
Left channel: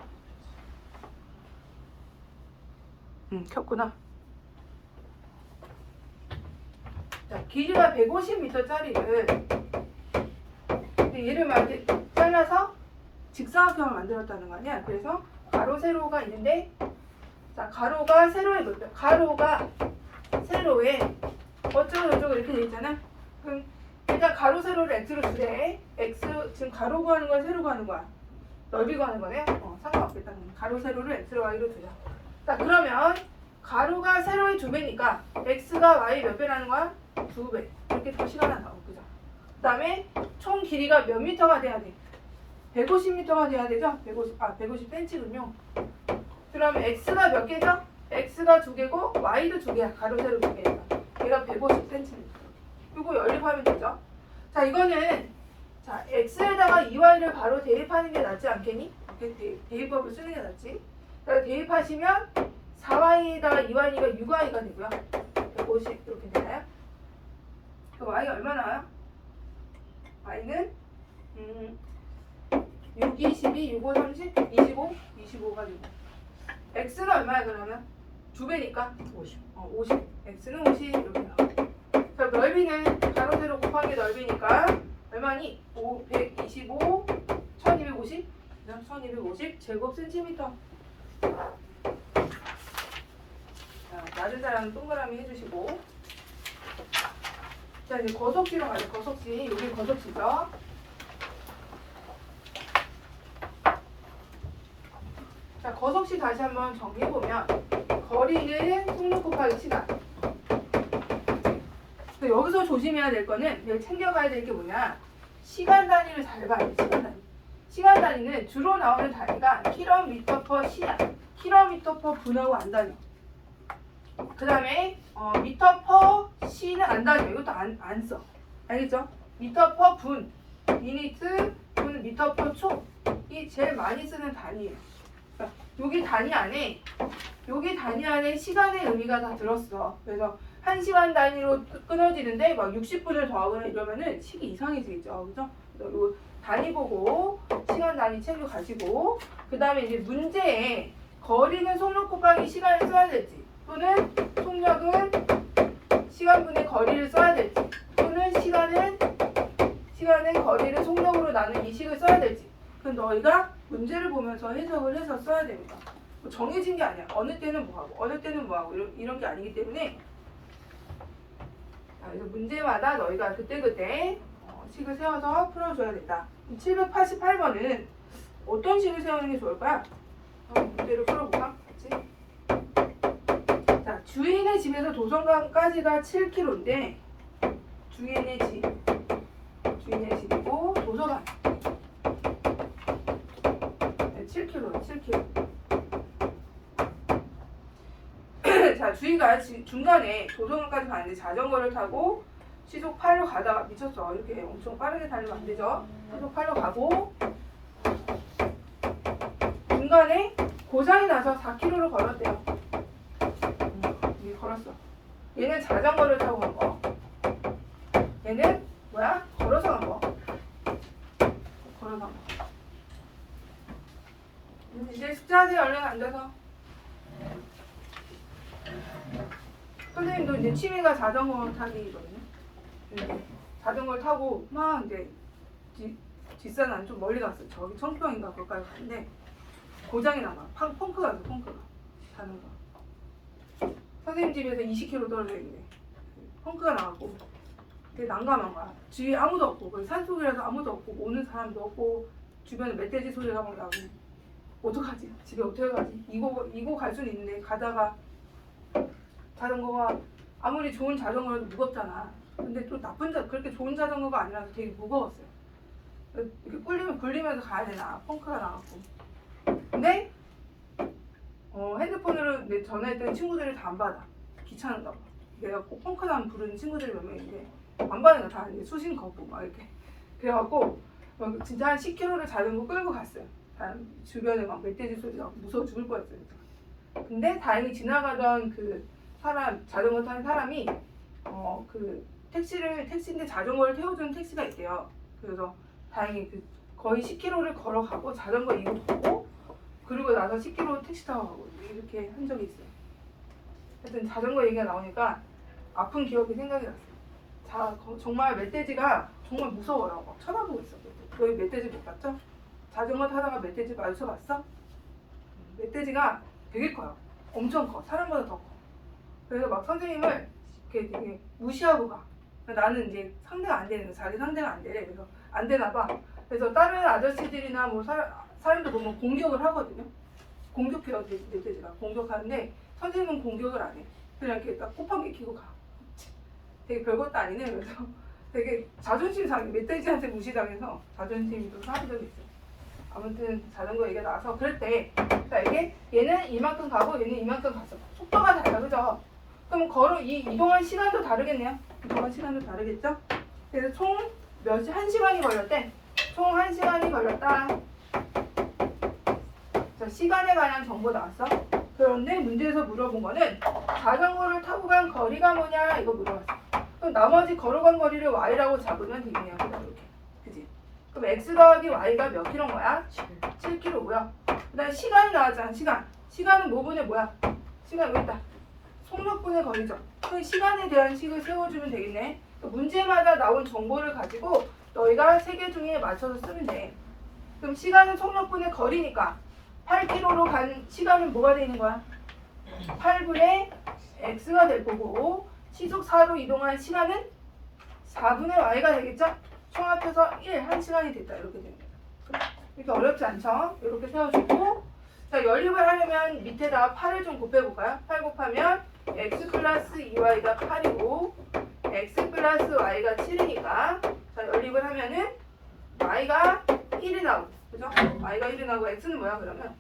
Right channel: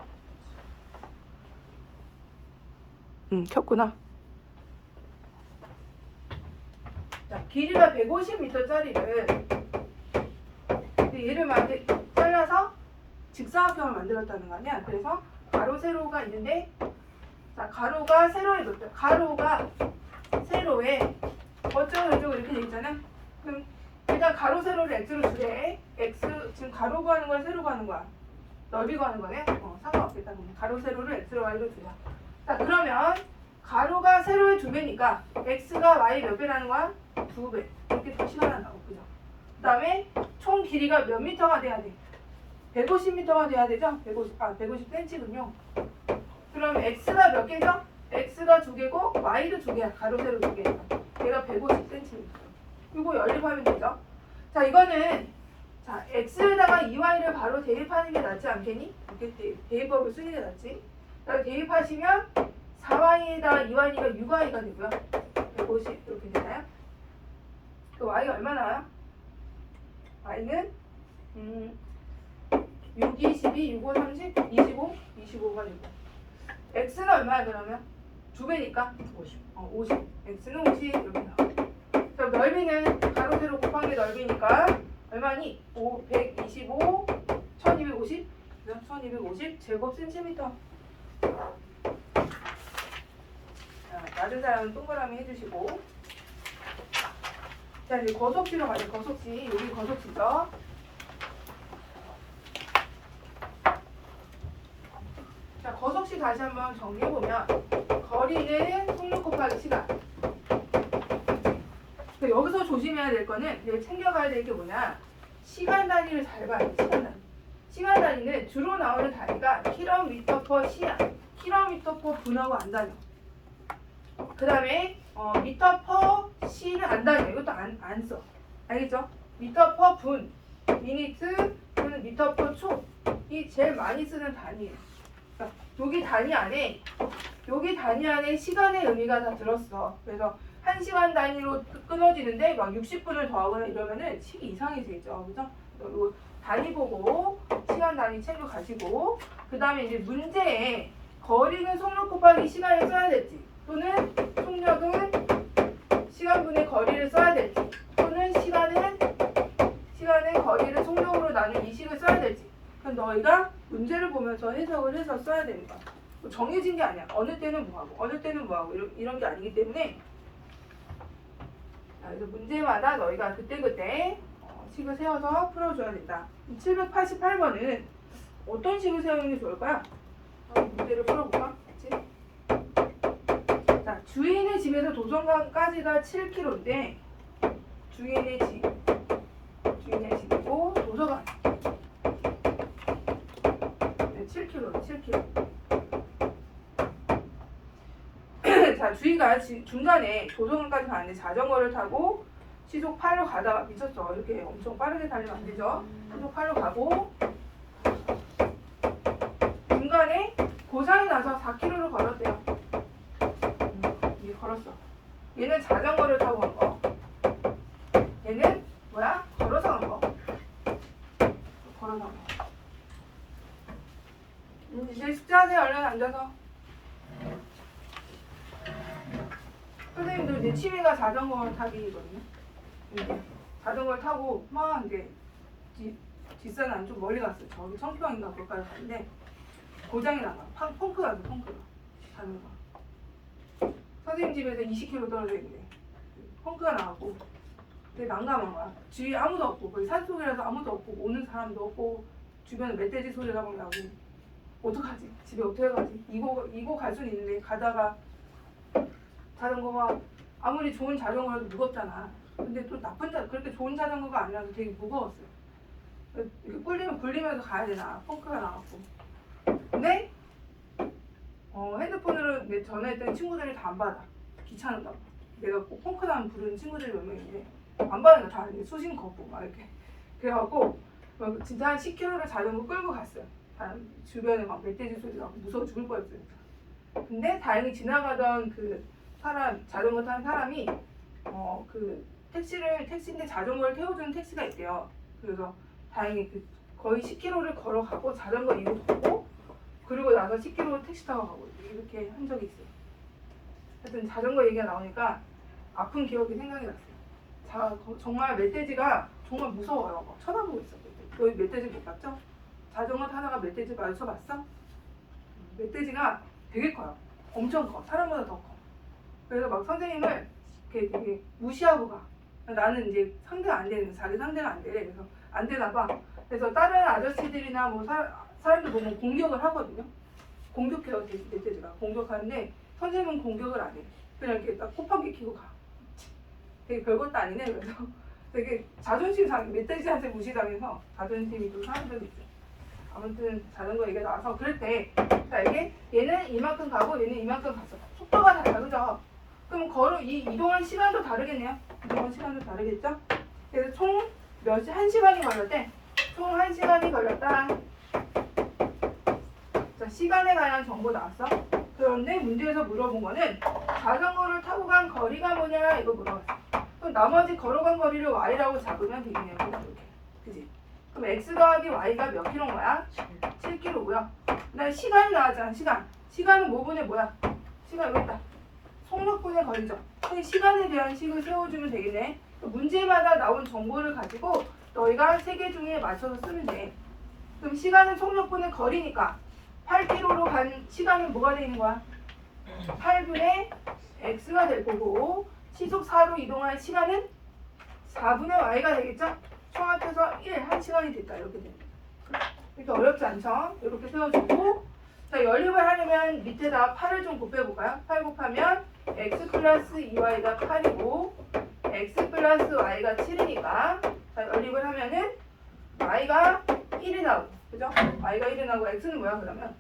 켰구나. 자, 길이가 150m짜리를 얘를 잘라서 직사각형을 만들었다는 거 아니야? 그래서 가로 세로가 있는데 자, 가로가 세로의 몇 배? 가로가 세로의 어쩌고저쩌고 이렇게 돼 있잖아. 그럼 일단 가로 세로를 x로 주래. x 지금 가로 구하는 거야 세로 구하는 거야? 넓이 구하는 거네. 상관없겠다. 그러면 가로 세로를 x로 y로 두자. 자, 그러면 가로가 세로의 2배니까 x가 y 몇 배라는 거야? 2배. 이렇게 표시가 하나 나오고 그죠? 그 다음에 총 길이가 몇 미터가 돼야 돼? 150m가 돼야 되죠? 150cm군요. 그러면 x가 몇 개죠? x가 2개고 y도 2개야. 가로 세로 2개니까. 얘가 150cm. 이거 연립하면 되죠? 자, 이거는 자, x에다가 2y를 바로 대입하는 게 낫지 않겠니? 이렇게 대입법을 쓰는 게 낫지. 자, 대입하시면 4y에다가 2y가 6y가 되고요. 150 이렇게 되나요? 그 y가 얼마 나와요? y는 6, 22, 6, 5, 30, 25, 25가 되고 x는 얼마야 그러면? 2배니까 50. 50. x는 50 이렇게 나와. 자, 넓이는 가로 세로 곱하기 넓이니까 얼마니? 125, 1250, 1250 제곱 센티미터. 자, 낮은 사람은 동그라미 해주시고. 자, 이제 거석지로 가죠. 거석지. 여기 거석지죠. 자, 거석지 다시 한번 정리해보면 거리는 속력 곱하기 시간. 여기서 조심해야 될 거는 내가 챙겨가야 될 게 뭐냐, 시간 단위를 잘 봐야 돼. 시간 단위. 시간 단위는 주로 나오는 단위가 km/s야. km/분하고 안 다녀. 그 다음에 m/s는 안 다녀. 이것도 안 써. 알겠죠? m/분, 유니트, 또는 m/초. 이 제일 많이 쓰는 단위예요. 그러니까 여기 단위 안에 시간의 의미가 다 들었어. 그래서 1시간 단위로 끊어지는데 막 60분을 더하거나 이러면은 식이 이상해지겠죠. 그죠? 요 단위 보고 시간 단위 챙겨 가시고, 그 다음에 이제 문제에 거리는 속력 곱하기 시간을 써야 될지, 또는 속력은 시간분의 거리를 써야 될지, 또는 시간은 거리를 속력으로 나눈 이 식을 써야 될지, 그럼 너희가 문제를 보면서 해석을 해서 써야 되는 거야. 뭐 정해진 게 아니야. 어느 때는 뭐하고 어느 때는 뭐하고 이런 게 아니기 때문에, 그래서 문제마다 너희가 그때그때 식을 세워서 풀어줘야 된다. 788번은 어떤 식을 세우는 게 좋을까요? 문제를 풀어볼까? 그치? 자, 주인의 집에서 도서관까지가 7km인데 주인의 집이고 도서관 7km. 자, 주희가 중간에 도서관까지 가는데 자전거를 타고 시속 8로 가다가 미쳤어. 이렇게 엄청 빠르게 달리면 안 되죠. 시속 8로 가고 중간에 고장이 나서 4km를 걸었대요. 이게 걸었어. 얘는 자전거를 타고 간 거. 얘는 뭐야? 걸어서 간 거. 걸어서 간 거. 이제 숙제하세요. 얼른 앉아서. 선생님도 이제 취미가 자전거 타기거든요. 이제 자전거를 타고 막 이제 뒷산 안 좀 멀리 갔어요. 저기 청평인가 거기까지 갔는데 고장이 나가. 펑크가 나서 펑크가 자전거. 선생님 집에서 20km 떨어져 있는데 펑크가 나가고 되게 난감한 거야. 주위에 아무도 없고 거기 산속이라서 아무도 없고 오는 사람도 없고 주변에 멧돼지 소리가 막 나고 어떡하지? 집에 어떻게 가지? 이거 갈 수는 있는데 가다가 자전거가 아무리 좋은 자전거라도 무겁잖아. 근데 또 그렇게 좋은 자전거가 아니라서 되게 무거웠어요. 이렇게 굴리면서 가야 되나. 펑크가 나왔고. 근데 핸드폰으로 전화했더니 친구들이 다 안 받아. 귀찮은가 봐. 내가 꼭 펑크 나면 부르는 친구들이 몇 명인데 안 받는 거 다 수신 거부 막 이렇게. 그래갖고 진짜 한 10km를 자전거 끌고 갔어요. 주변에 막 멧돼지 소리가 무서워 죽을 뻔했어요. 근데 다행히 지나가던 그 자전거 타는 사람이 그 택시인데 자전거를 태워주는 택시가 있대요. 그래서 다행히 거의 10km를 걸어가고 자전거 이거 보고 그리고 나서 10km 택시 타고 가고 이렇게 한 적이 있어요. 하여튼 자전거 얘기가 나오니까 아픈 기억이 생각이 났어요. 정말 멧돼지가 정말 무서워요. 막 쳐다보고 있어. 너희 멧돼지 못 봤죠? 자전거 타다가 멧돼지 마주쳐봤어? 멧돼지가 되게 커요. 엄청 커. 사람보다 더 커. 그래서 막 선생님을 이렇게 되게 무시하고 가. 나는 이제 상대가 안 되는 거, 자기 상대가 안 되래. 그래서 안 되나 봐. 그래서 다른 아저씨들이나 뭐 사람들 보면 공격을 하거든요. 공격해요, 멧돼지가. 공격하는데 선생님은 공격을 안 해. 그냥 이렇게 딱 콧방귀 뀌고 가. 되게 별것도 아니네. 그래서 되게 자존심 상해. 멧돼지한테 무시당해서 자존심이 좀 상한 적이 있어요. 아무튼 자전거 얘기가 나와서 그랬대. 자, 이게 얘는 이만큼 가고 얘는 이만큼 갔어. 속도가 달라, 그죠? 그럼 이동한 시간도 다르겠네요. 이동한 시간도 다르겠죠? 그래서 총 한 시간이 걸렸대. 총 1시간이 걸렸다. 자, 시간에 관한 정보 나왔어. 그런데 문제에서 물어본 거는 자전거를 타고 간 거리가 뭐냐 이거 물어봤어. 그럼 나머지 걸어간 거리를 y라고 잡으면 되겠네요. 그냥 이렇게. 그지? 그럼 x 더하기 y가 몇 킬로인 거야? 7km고요. 그다음에 시간이 나왔잖아. 시간은 뭐분의 뭐야? 시간 여기 있다. 속력분의 거리죠. 그럼 시간에 대한 식을 세워주면 되겠네. 문제마다 나온 정보를 가지고 너희가 3개 중에 맞춰서 쓰면 돼. 그럼 시간은 속력분의 거리니까 8km로 간 시간은 뭐가 되는 거야? 8분의 x가 될 거고 시속 4로 이동한 시간은 4분의 y가 되겠죠? 총 합해서 1시간이 됐다. 이렇게 되는 거야. 이렇게 어렵지 않죠? 이렇게 세워주고 자, 연립을 하려면 밑에다 8을 좀 곱해볼까요? 8 곱하면 x 플러스 2y가 8이고 x 플러스 y가 7이니까 자, 연립을 하면은 y가 1이 나오고 그죠? y가 1이 나오고 x는 뭐야 그러면?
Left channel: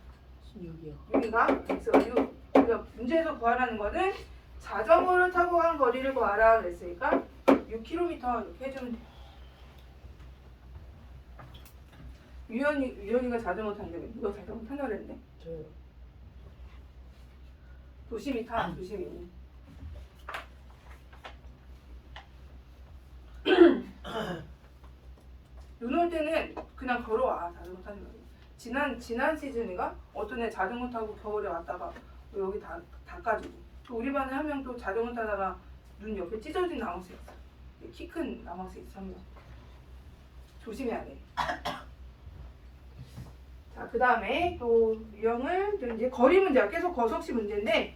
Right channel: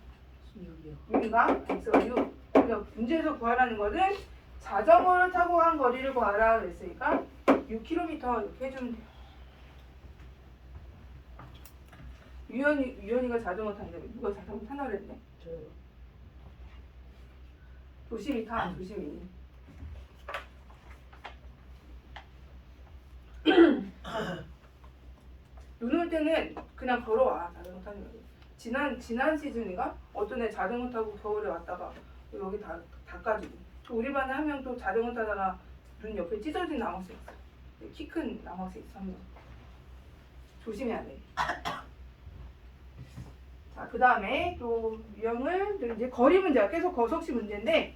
6이가 x가 6. 그래서 문제에서 구하라는 거는 자전거를 타고 간 거리를 구하라 그랬으니까 6km 이렇게 해주면 돼요. 유연이가 자전거 탄다며. 누가 자전거 타나 그랬는데? 저요. 조심히 타, 조심히. 눈 올 때는 그냥 걸어와. 자전거 타지 말고. 지난 시즌인가? 어떤 애 자전거 타고 겨울에 왔다가 여기 닦아주고. 또 우리 반에 한 명 또 자전거 타다가 눈 옆에 찢어진 남학생 있어. 키 큰 남학생 있어 한 명. 조심해야 돼. 자, 그 다음에 또 유형을 이제 거리 문제야. 계속 거속시 문제인데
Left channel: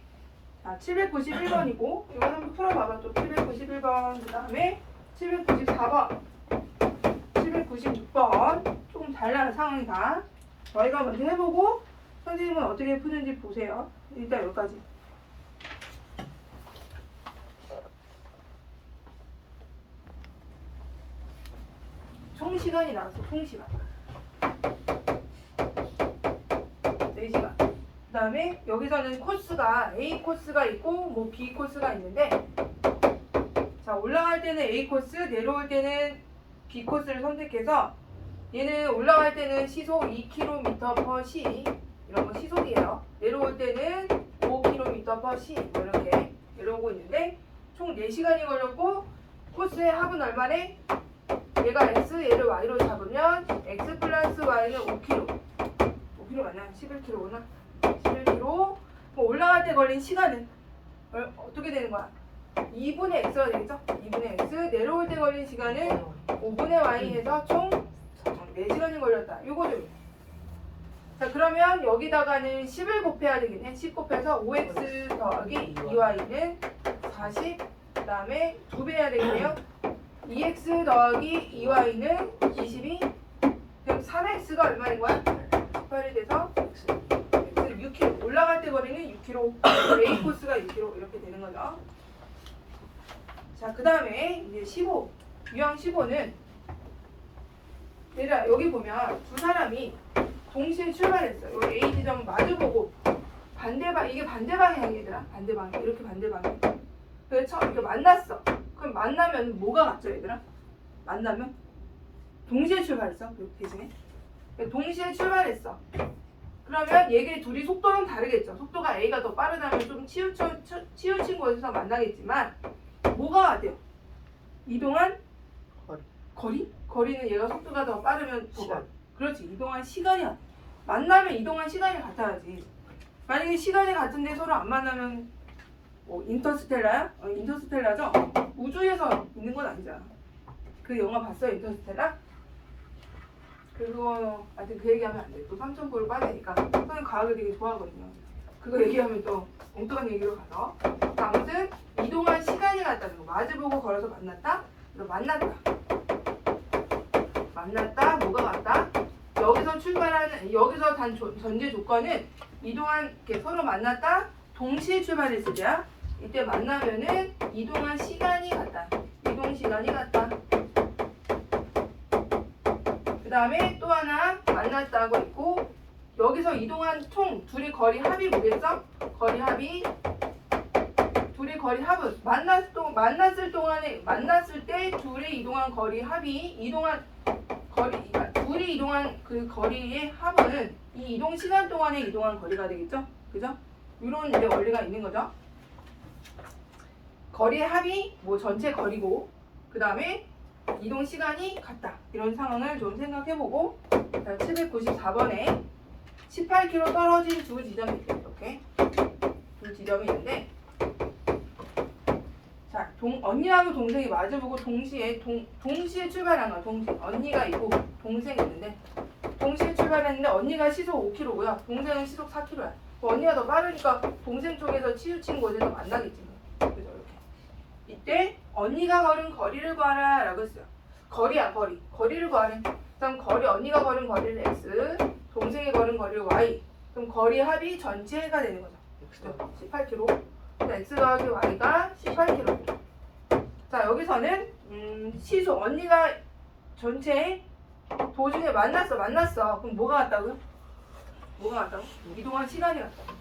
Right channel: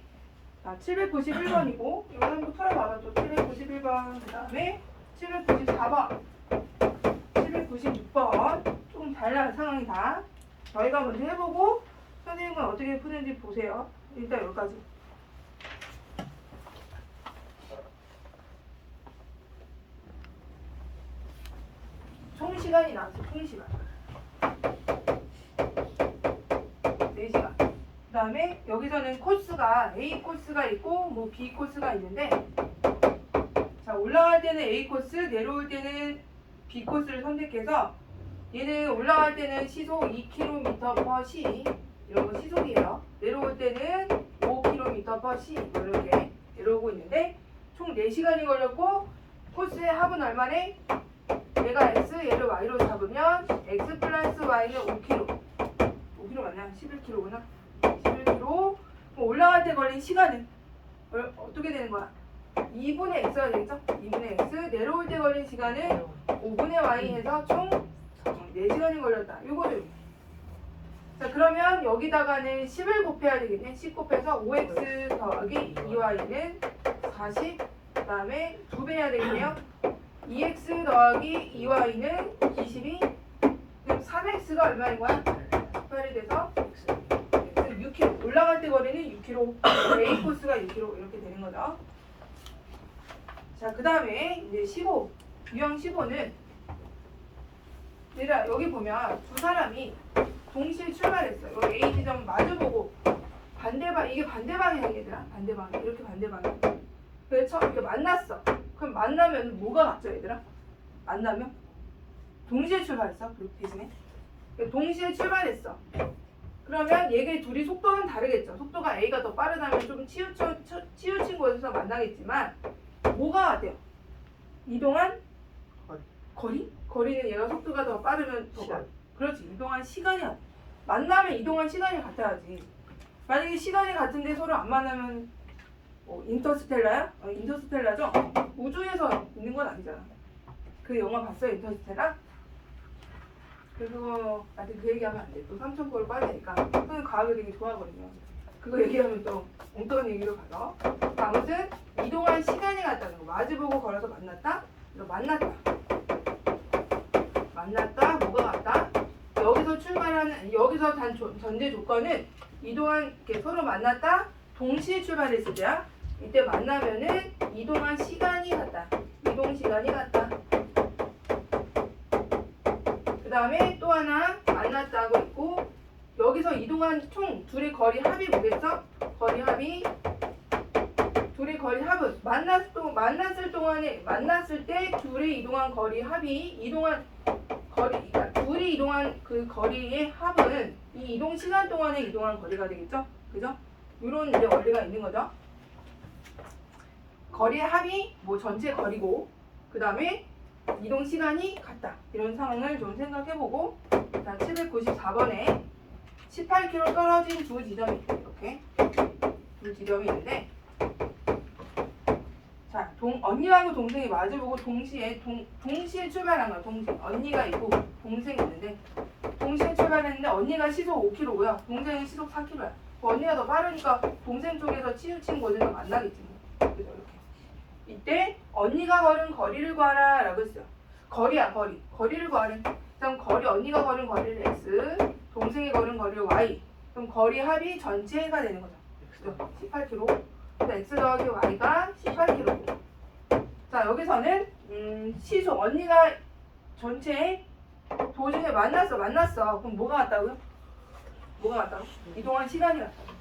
자, 791번이고 이거 한번 풀어봐봐. 또 791번 그 다음에 794번 796번 조금 달라요 상황이 다. 저희가 먼저 해보고 선생님은 어떻게 푸는지 보세요. 일단 여기까지. 총시간이 나왔어. 총시간 4시간. 그 다음에 여기서는 코스가 A 코스가 있고 뭐 B 코스가 있는데 자, 올라갈 때는 A 코스, 내려올 때는 B 코스를 선택해서 얘는 올라갈 때는 시속 2km/s 이런 거 시속이에요. 내려올 때는 5km/s 이렇게 내려오고 있는데 총 4시간이 걸렸고 코스의 합은 얼마네? 얘가 x, 얘를 y로 잡으면 x 플러스 y는 5km. 5km 맞나? 11km구나. 11km. 그럼 올라갈 때 걸린 시간은 어떻게 되는 거야? 2분의 x가 되겠죠? 2분의 x. 내려올 때 걸린 시간은 5분의 y 해서 총 4시간이 걸렸다. 요거를. 자, 그러면 여기다가는 10을 곱해야 되겠네. 10 곱해서 5x 더하기 2y는 40. 그 다음에 2배 해야 되겠네요. 2x 더하기 2y는 22. 그럼 3x가 얼마인 거야? 18이 돼서 x 6km. 올라갈 때 거리는 6km. A 코스가 6km 이렇게 되는 거죠. 자, 그 다음에 이제 15. 유형 15는 얘들아 여기 보면 두 사람이 동시에 출발했어. 여기 A 지점 마주보고 이게 반대 방향이야 얘들아. 반대 방향. 이렇게 반대 방향. 그래서 이렇게 만났어. 그럼 만나면 뭐가 같죠 얘들아? 만나면 동시에 출발했어. 그 대신에 동시에 출발했어. 그러면 얘네 둘이 속도는 다르겠죠. 속도가 A가 더 빠르다면 좀 치우친 곳에서 만나겠지만 뭐가 같아요? 이동한 거리? 거리는 얘가 속도가 더 빠르면 더 시간. 그렇지. 이동한 시간이야. 만나면 이동한 시간이 같아야지. 만약에 시간이 같은데 서로 안 만나면 인터스텔라야? 인터스텔라죠? 우주에서 있는 건 아니잖아. 그 영화 봤어요? 인터스텔라? 그거 아직 그 얘기하면 안 돼. 또 3,000골 빠야 되니까. 저는 과학을 되게 좋아하거든요. 그거 얘기하면 또 엉뚱한 얘기로 가서. 아무튼 이동한 시간이 같다는 거. 마주보고 걸어서 만났다? 만났다. 만났다. 뭐가 같다? 여기서 단 전제 조건은 이동한 이렇게 서로 만났다. 동시에 출발했을 때야. 이때 만나면은 이동한 시간이 같다. 이동 시간이 같다. 그 다음에 또 하나 만났다고 있고 여기서 이동한 총 둘의 거리 합이 뭐겠어? 거리 합이 둘이 거리 합은 만났을 때 둘이 이동한 거리 합이 그러니까 둘이 이동한 그 거리의 합은 이 이동 시간 동안에 이동한 거리가 되겠죠? 그죠? 이런 이제 원리가 있는 거죠. 거리의 합이 뭐 전체 거리고 그 다음에 이동 시간이 같다. 이런 상황을 좀 생각해보고 794번에 18km 떨어진 두 지점이 있대요. 이렇게 두 지점이 있는데 자, 언니하고 동생이 마주보고 동시에 출발한 거야. 동시에 언니가 있고 동생이 있는데 동시에 출발했는데 언니가 시속 5km고요. 동생은 시속 4km야. 언니가 더 빠르니까 동생 쪽에서 치우친 곳에서 만나겠지. 그래서 이렇게 이때 언니가 걸은 거리를 구하라 라고 했어요. 거리야 거리. 거리를 구하래. 그럼 언니가 걸은 거리를 x, 동생이 걸은 거리를 y. 그럼 거리 합이 전체가 되는 거죠. 그죠? 18km. x 더하기 y가 18km. 자, 여기서는 시속 언니가 전체 도중에 만났어. 그럼 뭐가 같다고요? 이동한 시간이 같다고.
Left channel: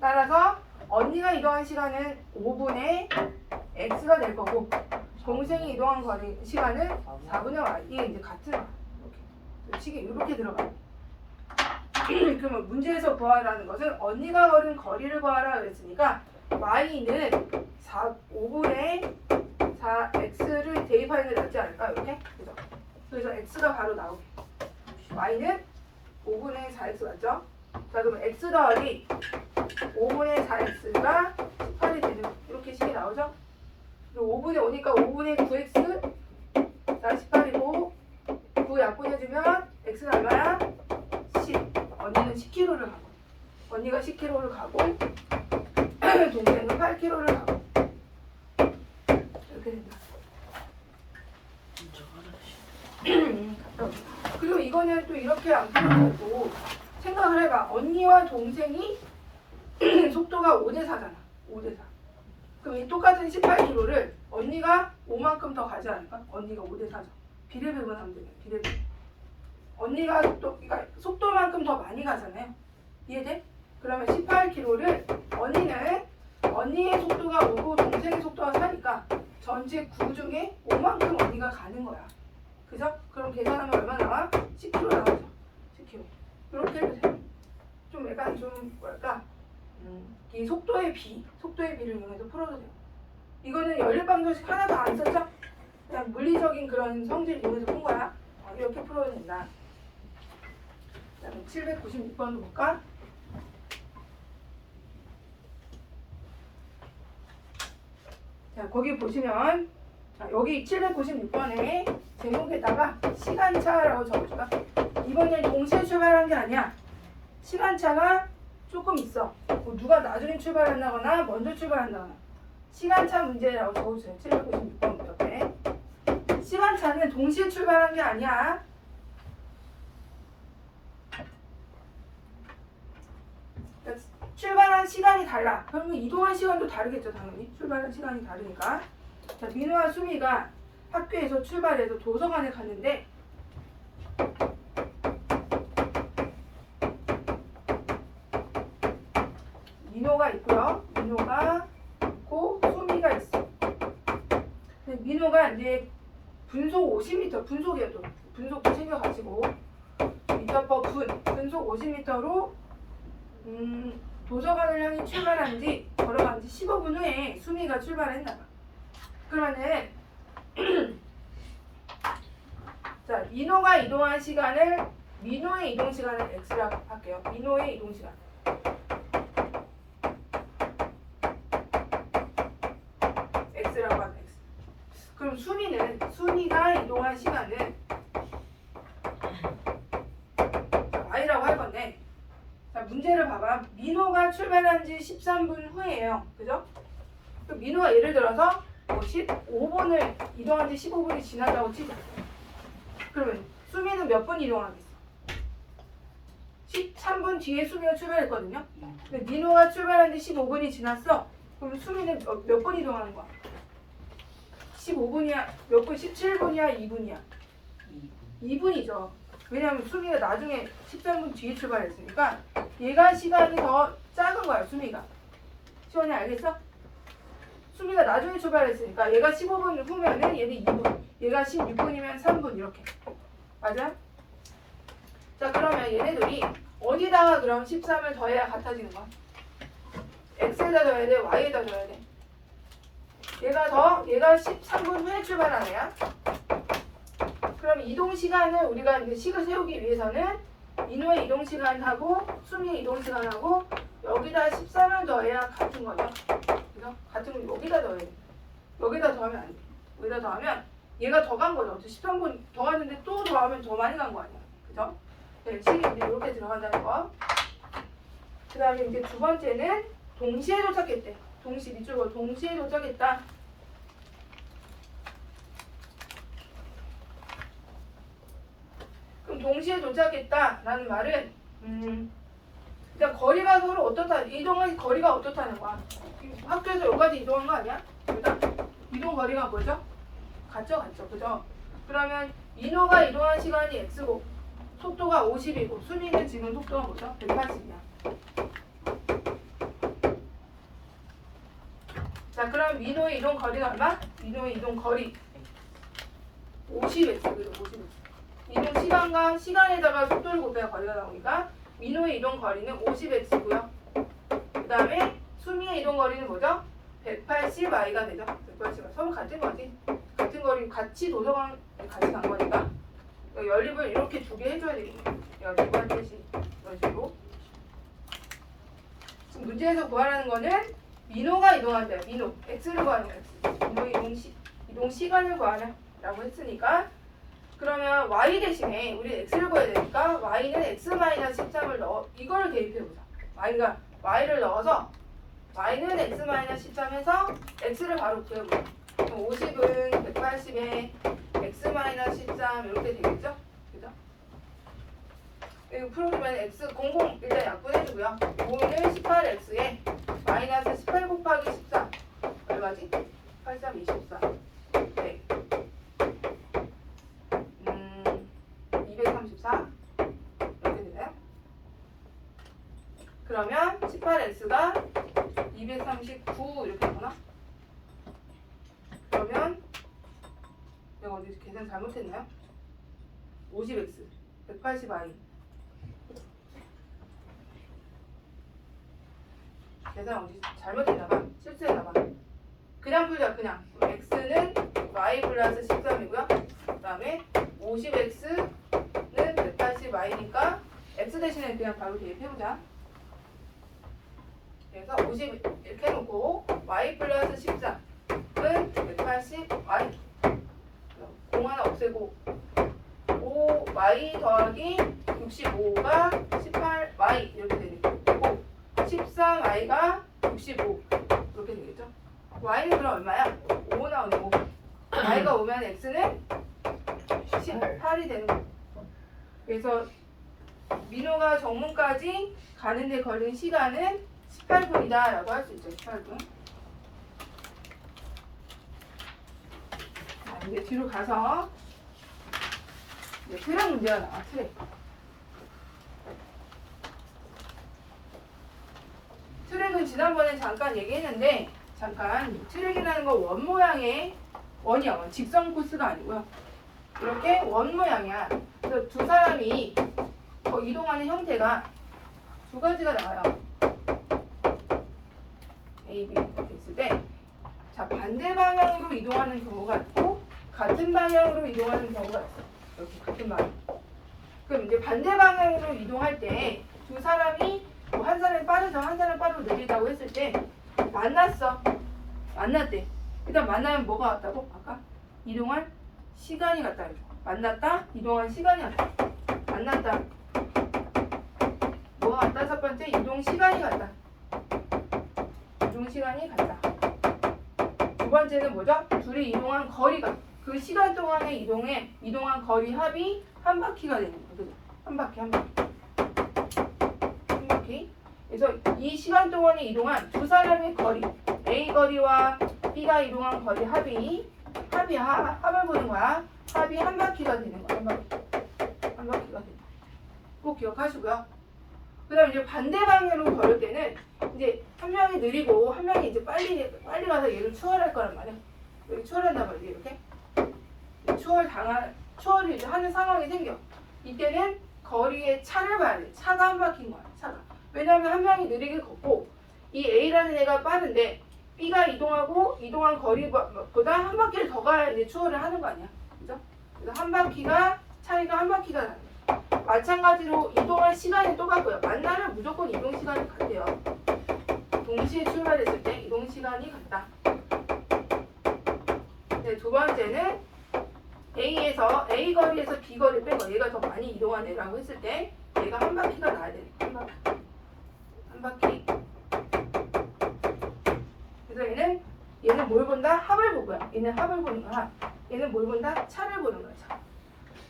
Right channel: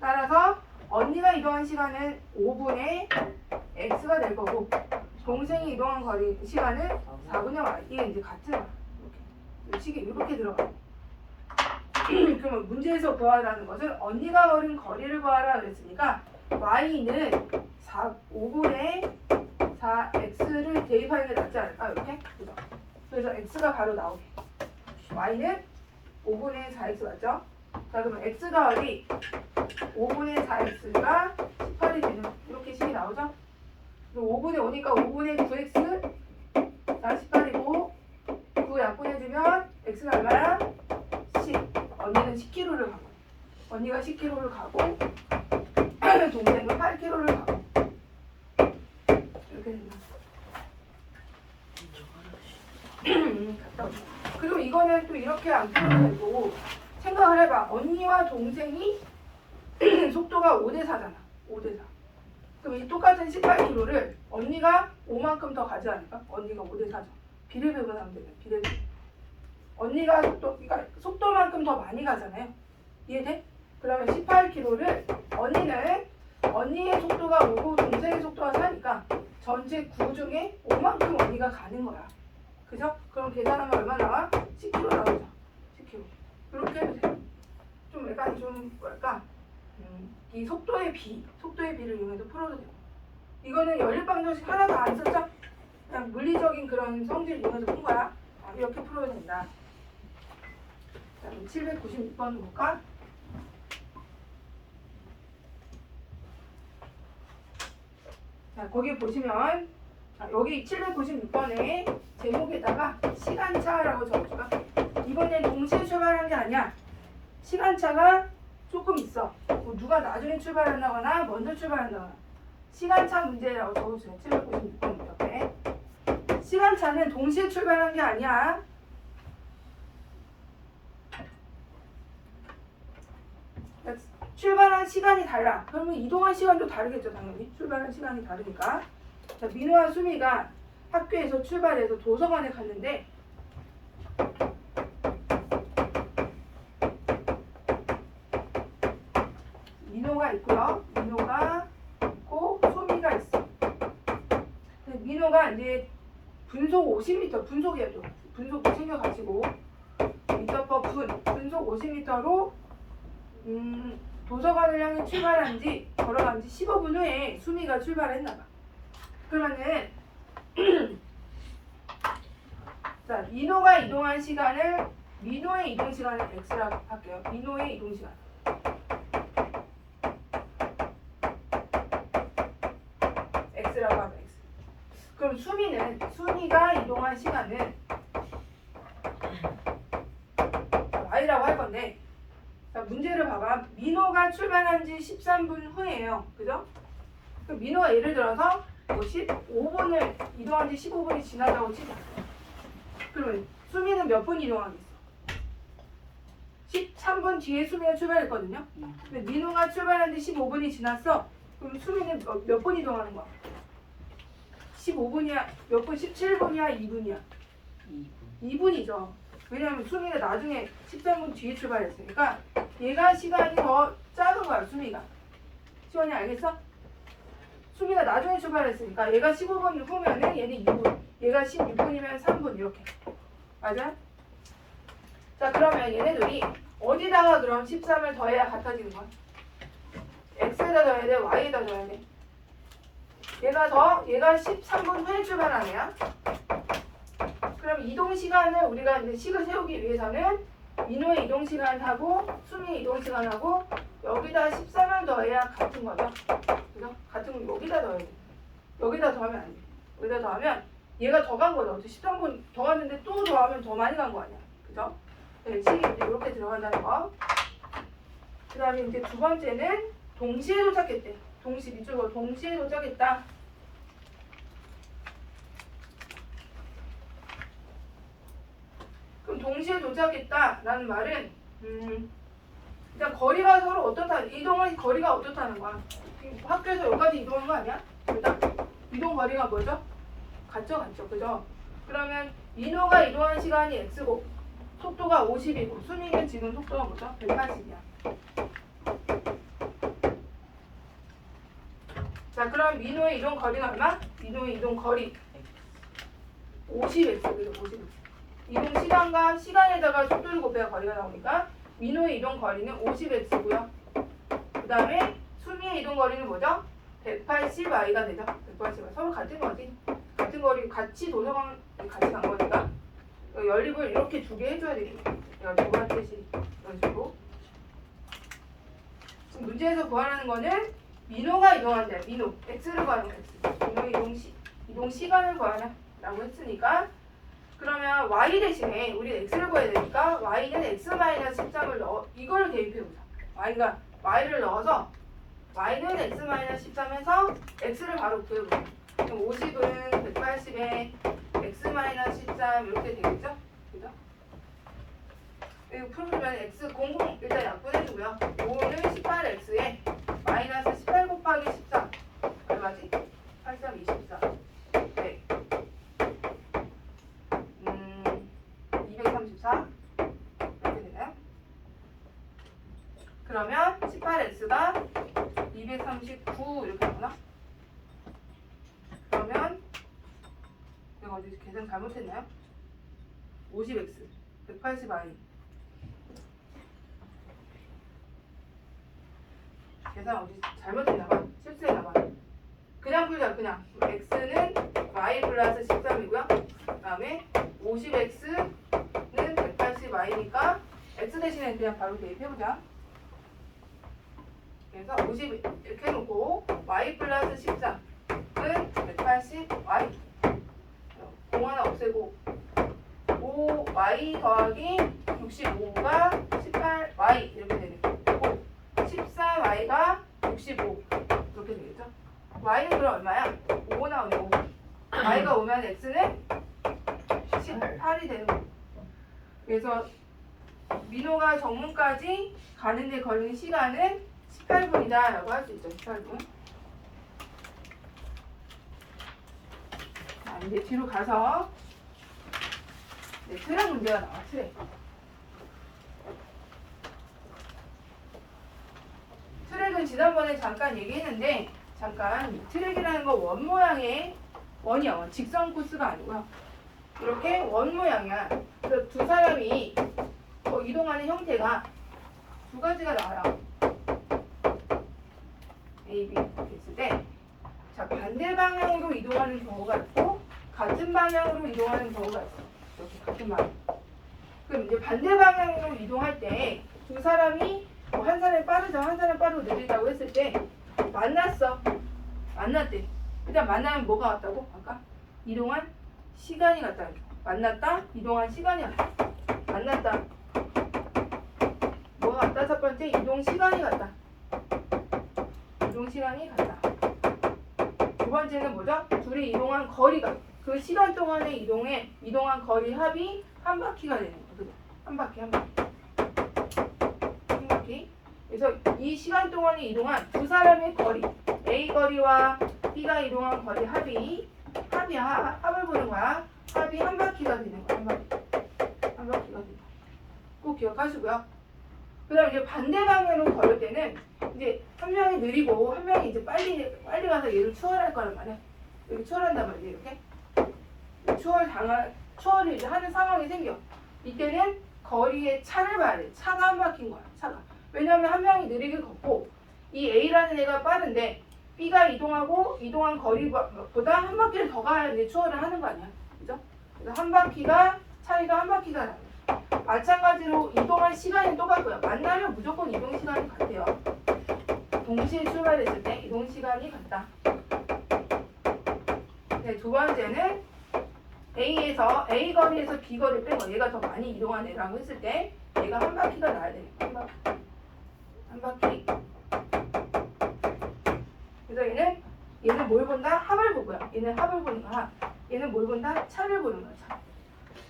따라서 언니가 이동한 시간은 5분의 x가 될 거고 동생이 이동한 시간은 4분의 y. 이게 이제 같은 거야. 이렇게 식이 이렇게 들어가요. 그러면 문제에서 구하라는 것은 언니가 걸은 거리를 구하라 그랬으니까 y는 5분의 4x를 대입하는 게 낫지 않을까? 이렇게? 그죠? 그래서 x가 바로 나오게. y는 5분의 4x 맞죠? 자, 그러면 x 더하기 5분의 4x가 18이 되는 이렇게 식이 나오죠? 5분의 5니까 5분의 9x 18이고 9 약분해주면 x는 얼마야? 10. 언니는 10km를 가고 언니가 10km를 가고 동생은 8km를 가고 이렇게 된다. 그리고 이거는 또 이렇게 안 풀어도 되고 생각을 해봐. 언니와 동생이 속도가 5대4잖아. 5대4. 그럼 이 똑같은 18km를 언니가 5만큼 더 가지 않을까? 언니가 5대4죠. 비례배분하면 되네. 비례배분. 언니가 그러니까 속도만큼 더 많이 가잖아요. 이해돼? 그러면 18km를 언니의 속도가 5고 동생의 속도가 4니까 전체 9 중에 5만큼 언니가 가는 거야. 그죠? 그럼 계산하면 얼마 나와? 10km 나오죠. 10km. 그렇게 해도 돼. 좀 약간 이 속도의 비를 이용해서 풀어도 돼요. 이거는 연립방정식 하나도 안 썼죠? 그냥 물리적인 그런 성질 이용해서 푼 거야. 이렇게 풀어도 된다. 자, 796번도 볼까? 자, 거기 보시면 여기 796번에 제목에다가 시간차라고 적어줄까? 이번엔 동시에 출발한 게 아니야. 시간차가 조금 있어. 뭐 누가 나중에 출발한다거나 먼저 출발한다거나. 시간차 문제라고 적어주세요. 796번 옆에. 시간차는 동시에 출발한 게 아니야. 출발한 시간이 달라. 그러면 이동한 시간도 다르겠죠, 당연히. 출발한 시간이 다르니까. 자, 민호와 수미가 학교에서 출발해서 도서관에 갔는데 민호가 있고요. 민호가 있고 수미가 있어. 근데 민호가 이제 분속 50m, 분속이어도 분속도 챙겨가지고 미터 분속 50m로 도서관을 향해 걸어간 지 15분 후에 수미가 출발했나봐. 그러면은 자, 민호의 이동 시간을 x라고 할게요. 민호의 이동 시간. x라고 하면 x. 그럼 수미가 이동한 시간은 y라고 할 건데, 자, 문제를 봐봐. 민호가 출발한 지 13분 후예요. 그죠? 그럼 민호가 예를 들어서 15분을 이동한 지 15분이 지났다고 치자. 그러면 수미는 몇 분 이동하겠어? 13분 뒤에 수미가 출발했거든요. 근데 민호가 출발한 지 15분이 지났어. 그럼 수미는 몇 분 이동하는 거야? 15분이야? 몇 분? 17분이야? 2분이야? 2분이죠. 왜냐면 수미가 나중에 13분 뒤에 출발했으니까 얘가 시간이 더 작은 거야, 수미가. 시원이 알겠어? 수미가 나중에 출발했으니까 얘가 15분 후면은 얘는 2분, 얘가 16분이면 3분 이렇게. 맞아? 자, 그러면 얘네들이 어디다가 그럼 13을 더해야 같아지는 거야? x에다 더해야 돼? y에다 더해야 돼? 얘가 13분 후에 출발한 애야. 그럼 이동 시간을 우리가 이제 식을 세우기 위해서는 민호의 이동 시간하고 수미의 이동 시간하고 여기다 13을 더해야 같은 거죠. 그죠? 같은 거 여기다 더해야 돼. 여기다 더하면 안 돼. 여기다 더하면 얘가 더 간 거죠. 13분 더 갔는데 또 더하면 더 많이 간 거 아니야. 그죠? 네, 식이 이제 이렇게 들어간다는 거. 그 다음에 이제 두 번째는 동시에 도착했대. 밑줄로 동시에 도착했다. 그럼 동시에 도착했다라는 말은 일단 거리가 서로 어떻다, 이동의 거리가 어떻다는 거야. 학교에서 여기까지 이동한 거 아니야? 일단 이동 거리가 뭐죠? 같죠, 그죠? 그러면 민호가 이동한 시간이 x고 속도가 50이고 순이는 지금 속도가 뭐죠? 180이야. 자, 그럼 민호의 이동 거리는 얼마? 민호의 이동 거리 50x, 그죠? 50x. 이동 시간과 시간에다가 속도를 곱해야 거리가 나오니까 민호의 이동 거리는 50x고요. 그 다음에 수미의 이동 거리는 뭐죠? 180y가 되죠. 180y. 서로 같은 거지. 같은 거리 같이 도서관 같이 간 거니까 연립을 이렇게 두 개 해줘야 되겠네. 연립을 뜻이 이런 식으로. 지금 문제에서 구하라는 거는 민호가 이동한대. 민호 x를 구하는 거야. 민호 이동 시간을 구하냐라고 했으니까 그러면 y 대신에 우리 x를 구해야 되니까 y는 x-13을 넣어 이걸 대입해보자. y를 넣어서 y는 x-13 해서 x를 바로 구해보자. 그럼 50은 180에 x-13 이렇게 되겠죠? 그죠? 이거 풀어주면 x 00 일단 약분해주고요. 5는 18x에 마이너스 18 곱하기 14 얼마지? 83, 24 네. 234 이렇게 되나요? 그러면 18x가 239 이렇게 되나? 그러면 내가 어디 계산 잘못했나요? 50x 180y 계산 어디 잘못했나봐. 실수했나봐. 그냥 풀자. 그냥 x는 y 플러스 13이고요 그 다음에 50x는 180y니까 x 대신에 그냥 바로 대입해보자. 그래서 50 이렇게 해놓고 y 플러스 13은 180y 공 하나 없애고 5y 더하기 65가 18y 이렇게 되겠고 13y가 65 이렇게 되겠죠. y는 그럼 얼마야? 5 나오네. 5. y가 오면 x는 18이 되는 거예요. 그래서 민호가 정문까지 가는데 걸린 시간은 18분이다 라고 할 수 있죠. 18분. 자, 이제 뒤로 가서 트랙 문제가 나와. 트랙은 지난번에 잠깐 얘기했는데 잠깐 트랙이라는 건 원 모양의 원이야. 직선 코스가 아니고요. 이렇게 원 모양이야. 그래서 두 사람이 이동하는 형태가 두 가지가 나와요. A, B 이렇게 있을 때 자, 반대 방향으로 이동하는 경우가 있고 같은 방향으로 이동하는 경우가 있어. 이렇게 같은 방향. 그럼 이제 반대 방향으로 이동할 때 두 사람이 한 사람이 빠르죠. 한 사람 빠르고 느리다고 했을 때 만났대. 일단 만나면 뭐가 같다고? 아까 이동한 시간이 같다. 만났다. 이동한 시간이 같다. 만났다. 뭐가 같다? 첫 번째 이동 시간이 같다. 이동 시간이 같다. 두 번째는 뭐죠? 둘이 이동한 거리가 그 시간 동안에 이동한 거리 합이 한 바퀴가 되는 거예요. 그죠? 한 바퀴. 그래서 이 시간 동안에 이동한 두 사람의 거리 A 거리와 B가 이동한 거리 합을 보는 거야. 합이 한 바퀴가 되는 거야. 한 바퀴가 된다. 꼭 기억하시고요. 그다음 이제 반대 방향으로 걸을 때는 이제 한 명이 느리고 한 명이 이제 빨리 가서 얘를 추월할 거란 말이야. 여기 추월한단 말이야 이렇게. 추월을 이제 하는 상황이 생겨. 이때는 거리의 차를 봐야 돼. 차가 한 바퀴인 거야. 차가. 왜냐하면 한 명이 느리게 걷고 이 A라는 애가 빠른데 B가 이동한 거리보다 한 바퀴를 더 가야 이제 추월을 하는 거 아니야. 그죠? 그래서 차이가 한 바퀴가 나요. 마찬가지로 이동할 시간이 또 같고요. 만나면 무조건 이동 시간이 같아요. 동시에 출발했을 때 이동 시간이 같다. 네, 두 번째는 A 거리에서 B 거리를 빼고 얘가 더 많이 이동한 애라고 했을 때 얘가 한 바퀴가 나야 돼. 한 바퀴. 그래서 얘는 뭘 본다? 합을 보고요. 얘는 합을 보는 거야. 얘는 뭘 본다? 차를 보는 거죠.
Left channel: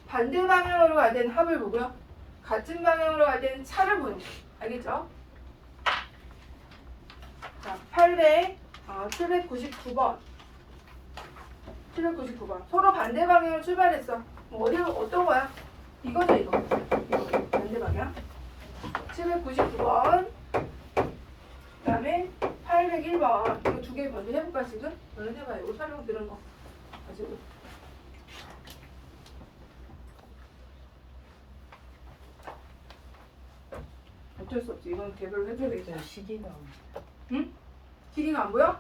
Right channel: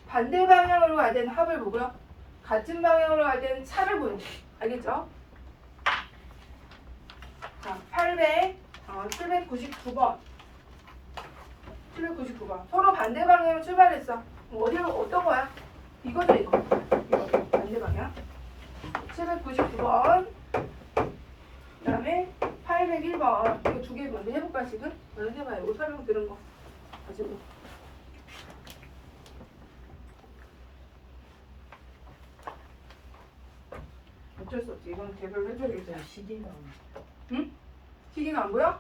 반대 방향으로 갈 때는 합을 보고요. 같은 방향으로 갈 때는 차를 보는 거예요. 알겠죠? 자, 799번. 서로 반대 방향으로 출발했어. 어떤 거야? 이거죠, 이거. 반대 방향. 799번. 그 다음에 801번. 이거 두 개 먼저 해볼까, 지금? 먼저 해봐요. 이거 설명 들은 거. 가지고. 어쩔 수 없지. 이건 개별로 해줘야겠지. 시계가 응? 시계가 안 보여?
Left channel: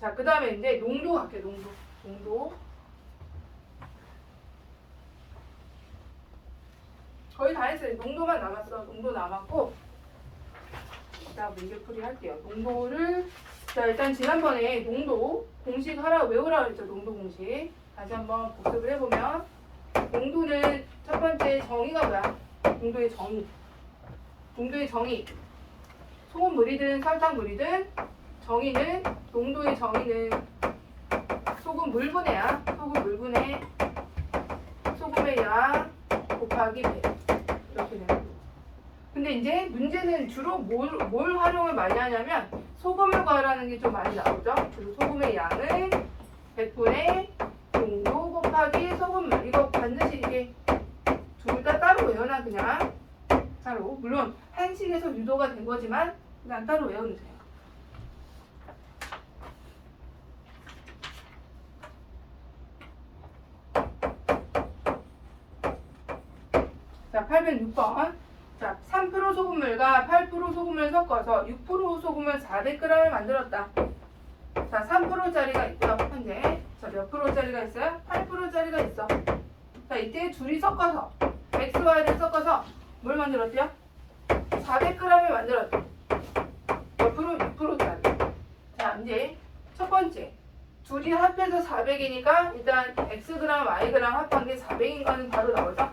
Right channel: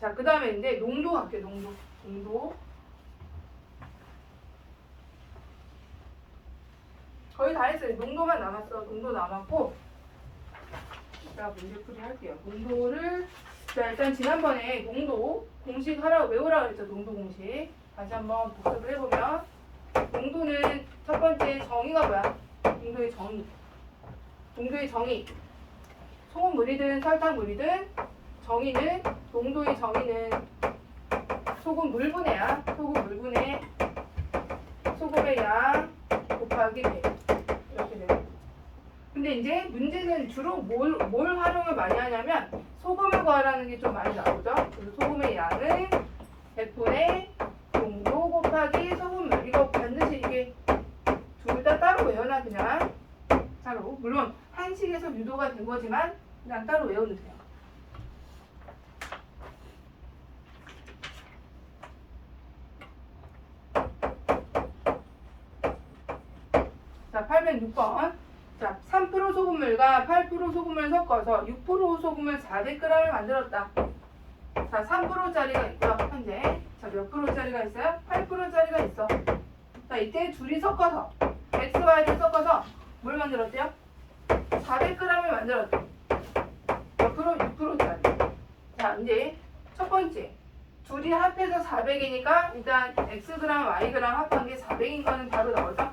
자, 그 다음에 이제 농도 갈게. 농도. 거의 다 했어요. 농도만 남았어. 농도 남았고. 자, 문제풀이 할게요. 농도를. 자, 일단 지난번에 농도 공식 외우라고 했죠. 농도 공식. 다시 한번 복습을 해보면. 농도는 첫 번째 정의가 뭐야? 농도의 정의. 소금물이든 설탕물이든 농도의 정의는 소금 물분해야. 소금의 양 곱하기 100. 이렇게 되는 거죠. 근데 이제 문제는 주로 뭘 활용을 많이 하냐면 소금을 구하라는 게 좀 많이 나오죠. 그래서 소금의 양은 100분의 농도 곱하기 소금물. 이거 반드시 이게 둘 다 따로 외워놔. 그냥 따로. 물론 한식에서 유도가 된 거지만 그냥 따로 외워놓으세요. 자, 806번. 자, 3% 소금물과 8% 소금을 섞어서 6% 소금을 400g을 만들었다. 자, 3%짜리가 있고요. 현재. 자, 몇 프로짜리가 있어요? 8%짜리가 있어. 자, 이때 둘이 섞어서 X와 Y를 섞어서 뭘 만들었대요? 400g을 만들었대. 몇 프로? 6%짜리. 자, 이제 첫 번째. 둘이 합해서 400이니까 일단 Xg, Yg 합한 게 400인 거는 바로 나오죠?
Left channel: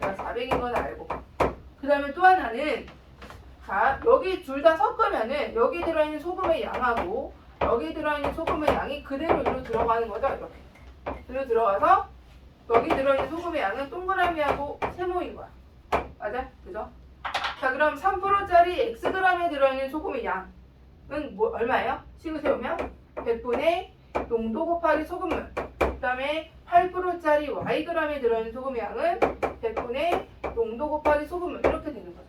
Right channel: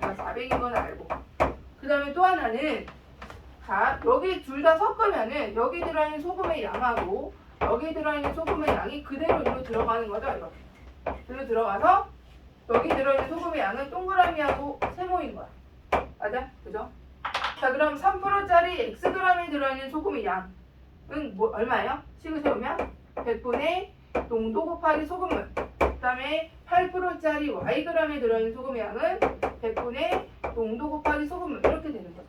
내가 400인 건 알고. 그 다음에 또 하나는 자, 여기 둘 다 섞으면은 여기 들어있는 소금의 양하고 여기 들어있는 소금의 양이 그대로 이리로 들어가는 거죠. 이렇게. 그리고 들어가서 여기 들어있는 소금의 양은 동그라미하고 세모인 거야. 맞아? 그죠? 자, 그럼 3%짜리 Xg에 들어있는 소금의 양은 얼마예요? 식을 세우면 100분의 농도 곱하기 소금물. 그 다음에 8%짜리 Yg에 들어있는 소금의 양은 100분의 농도 곱하기 소금물. 이렇게 되는 거죠.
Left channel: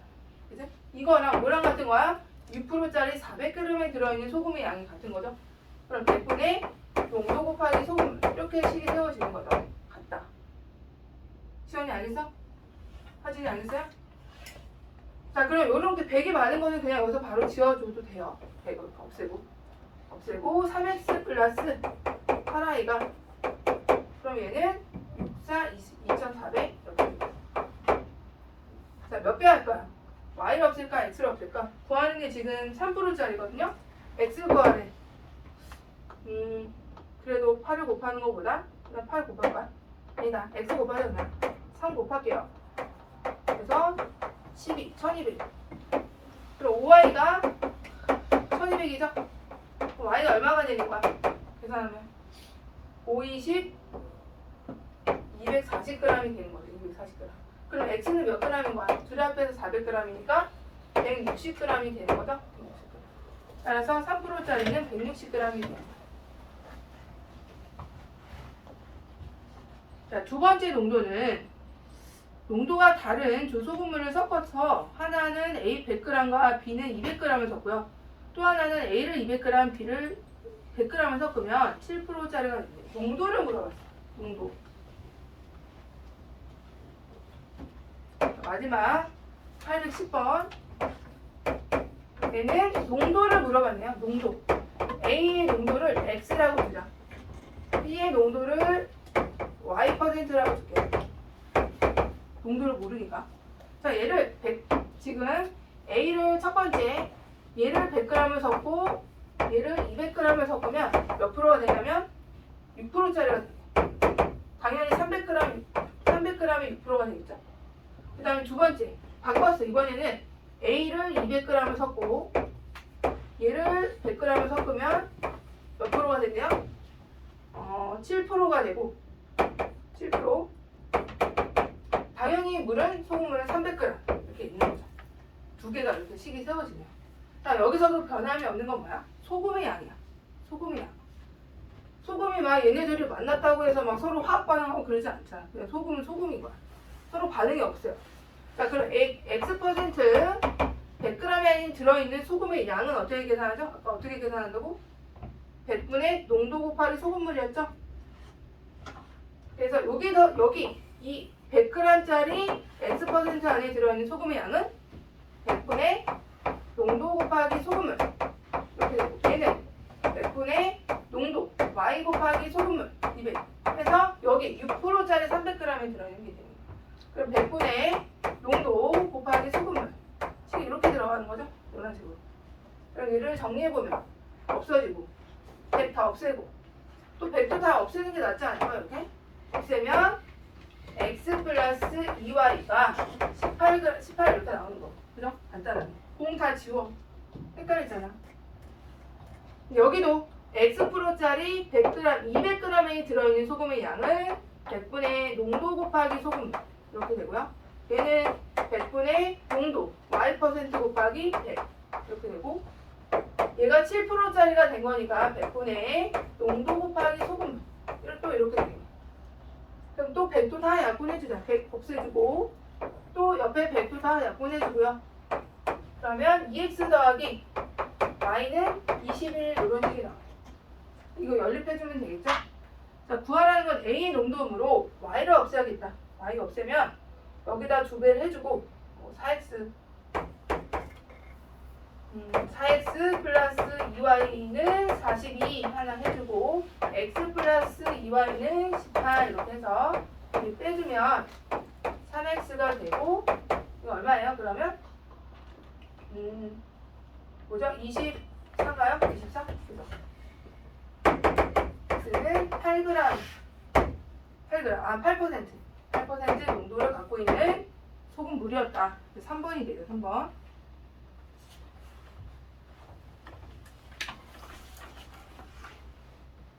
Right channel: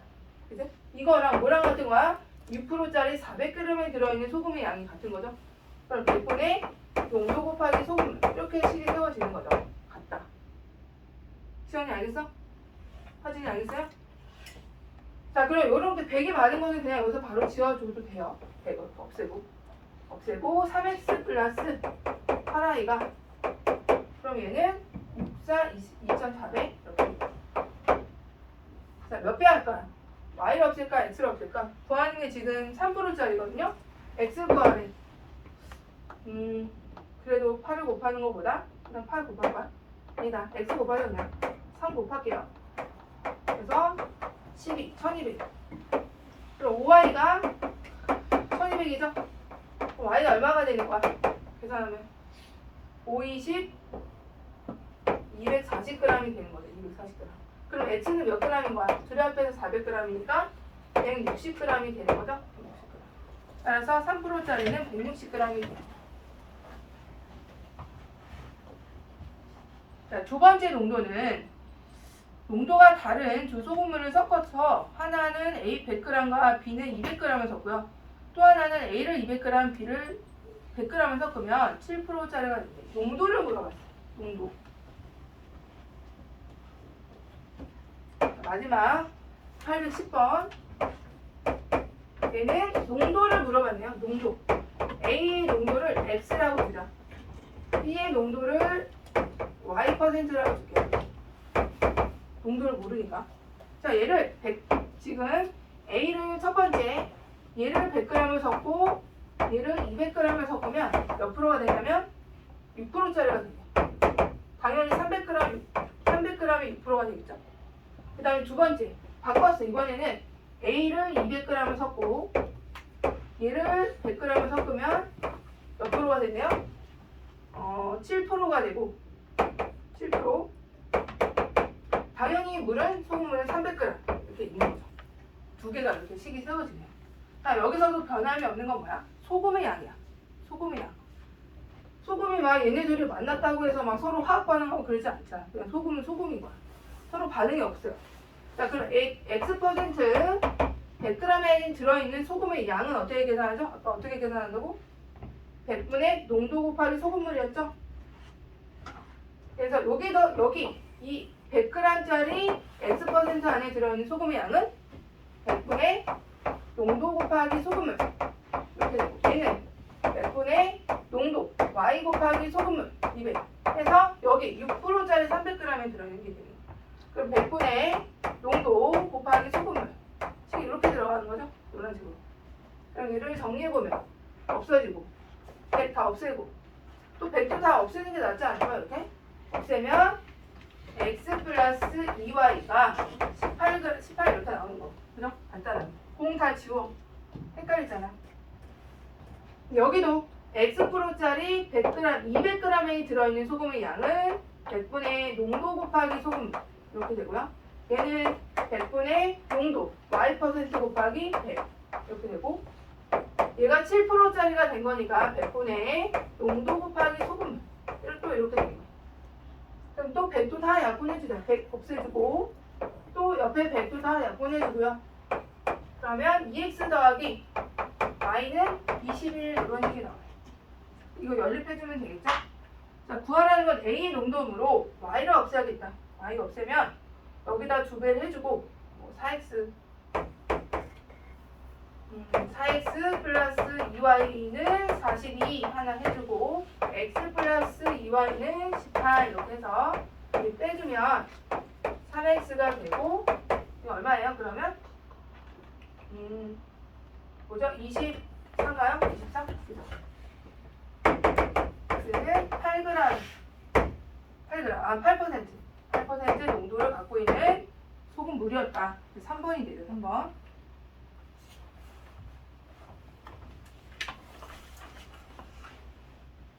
그죠? 이거랑 뭐랑 같은 거야? 6%짜리 400g에 들어있는 소금의 양이 같은 거죠. 그럼 100분의 농도 곱하기 소금물. 이렇게 식이 세워지는 거죠. 같다. 시원이 알겠어? 하진이 알겠어요? 자, 그럼 요렇게 100이 맞은 거는 그냥 여기서 바로 지워줘도 돼요. 100을 없애고 3x 플러스 8i가 그럼 얘는 2400 이렇게. 자, 몇 배 할까요? y를 없앨까? x를 없앨까? 더하는 게 지금 3%짜리거든요. x 구하래. 그래도 8을 곱하는 것보다 그냥 8 곱할까? 아니다. x 곱하자 그냥 3 곱할게요. 그래서 1200. 그럼 5y가 1200이죠? 그럼 y가 얼마가 되는 거야? 계산하면 520 240g이 되는 거죠. 240g. 그럼 x는 몇 g인 거야? 둘이 합해서 400g이니까 160g이 되는 거죠. 160g. 따라서 3%짜리는 160g이 됩니다. 자, 두 번째 농도는 농도가 다른 두 소금물을 섞어서 하나는 A 100g과 B는 200g을 섞고요. 또 하나는 A를 200g, B를 100g을 섞으면 7%짜리가 된대. 농도를 물어봤어. 농도. 자, 마지막 810번. 얘는 농도를 물어봤네요. 농도. A의 농도를 X라고 두자. B의 농도를 Y%라고 줄게요. 농도를 모르니까. 자, 얘를 지금 A를 첫 번째 얘를 100g을 섞고 얘를 200g을 섞으면 몇 프로가 되냐면 6%짜리가 돼요. 당연히 300g에 6%가 되겠죠. 그 다음에 두 번째 바꿨어. 이번에는 A를 200g을 섞고 얘를 100g을 섞으면 몇 프로가 되네요? 7%가 되고 7%. 당연히 소금물은 300g 이렇게 있는 거죠. 두 개가 이렇게 식이 세워지네요. 자, 여기서도 변함이 없는 건 뭐야? 소금의 양이야. 소금의 양. 소금이 막 얘네들이 만났다고 해서 막 서로 화학 반응하고 그러지 않잖아. 그냥 소금은 소금인 거야. 서로 반응이 없어요. 자, 그럼 X% 100g에 들어있는 소금의 양은 어떻게 계산하죠? 아까 어떻게 계산한다고? 100분의 농도 곱하기 소금물이었죠? 그래서 여기 이 100g짜리 X% 안에 들어있는 소금의 양은 100분의 농도 곱하기 소금물 이렇게 되고, 얘는 100분의 농도 Y 곱하기 소금물 200 해서 여기 6%짜리 300g에 들어있는 게 됩니다. 그럼 100분의 농도 곱하기 소금물 식이 이렇게 들어가는 거죠? 이런 식으로. 그럼 얘를 정리해보면 없어지고 100 다 없애고 또 100도 다 없애는 게 낫지 않을까요? 이렇게 없애면 x 플러스 2y가 18 이렇게 나오는 거. 그죠? 간단하네. 공 다 지워. 헷갈리잖아. 여기도 X%짜리 100g, 200g이 들어있는 소금의 양은 100분의 농도 곱하기 소금물 이렇게 되고요. 얘는 100분의 농도 Y% 곱하기 100 이렇게 되고, 얘가 7%짜리가 된 거니까 100분의 농도 곱하기 소금물 또 이렇게 되는 거예요. 그럼 또 100도 다 약분해주자. 100 없애주고 또 옆에 100도 다 약분해주고요. 그러면 2x 더하기 y는 21 이런 식이 나와요. 이거 연립해주면 되겠죠? 자, 구하라는 건 A의 농도음으로 y를 없애야겠다. y 없애면 여기다 2배를 해주고 4x 4x 플러스 2y는 42 하나 해주고 x 플러스 2y는 18 이렇게 해서 여기 빼주면 3x가 되고, 이거 얼마예요 그러면? 뭐죠? 24인가요? 24? 그죠? x는 8g 8% 농도를 갖고 있는 소금물이었다. 3번이 되죠. 3번.